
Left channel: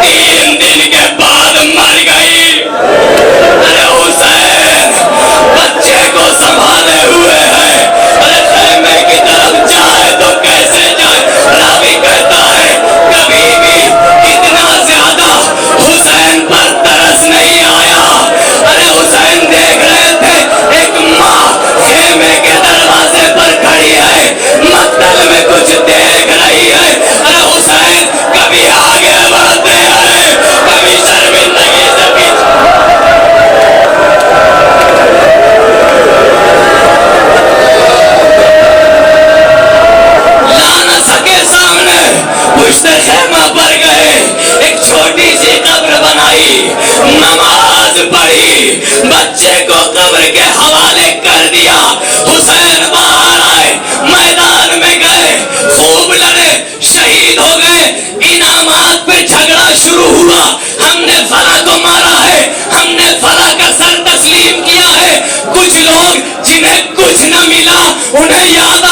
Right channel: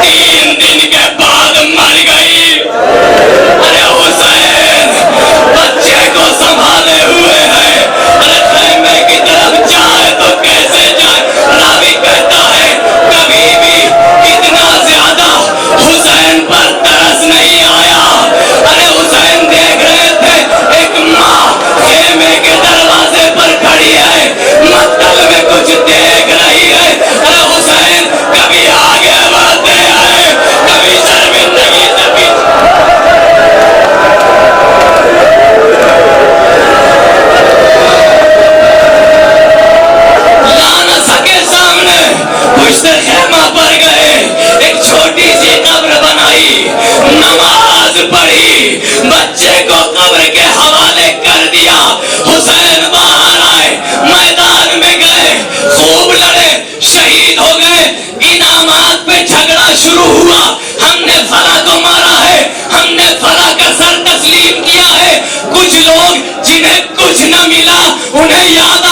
3 پڑھی، نماز پڑھی، بچے کو قبر کے حوالے کر دیا، حسین باہر آئے، میدان میں گئے، خوب لڑے، شہید ہو گئے، انعامات پہ جھگڑا شروع ہوا، ہم نے فلاں کو مارا ہے، ہم نے فلاں کا سر تسلیم کیا ہے۔ کچھ لوگ جنہیں کچھ نہ ملا انہیں یاد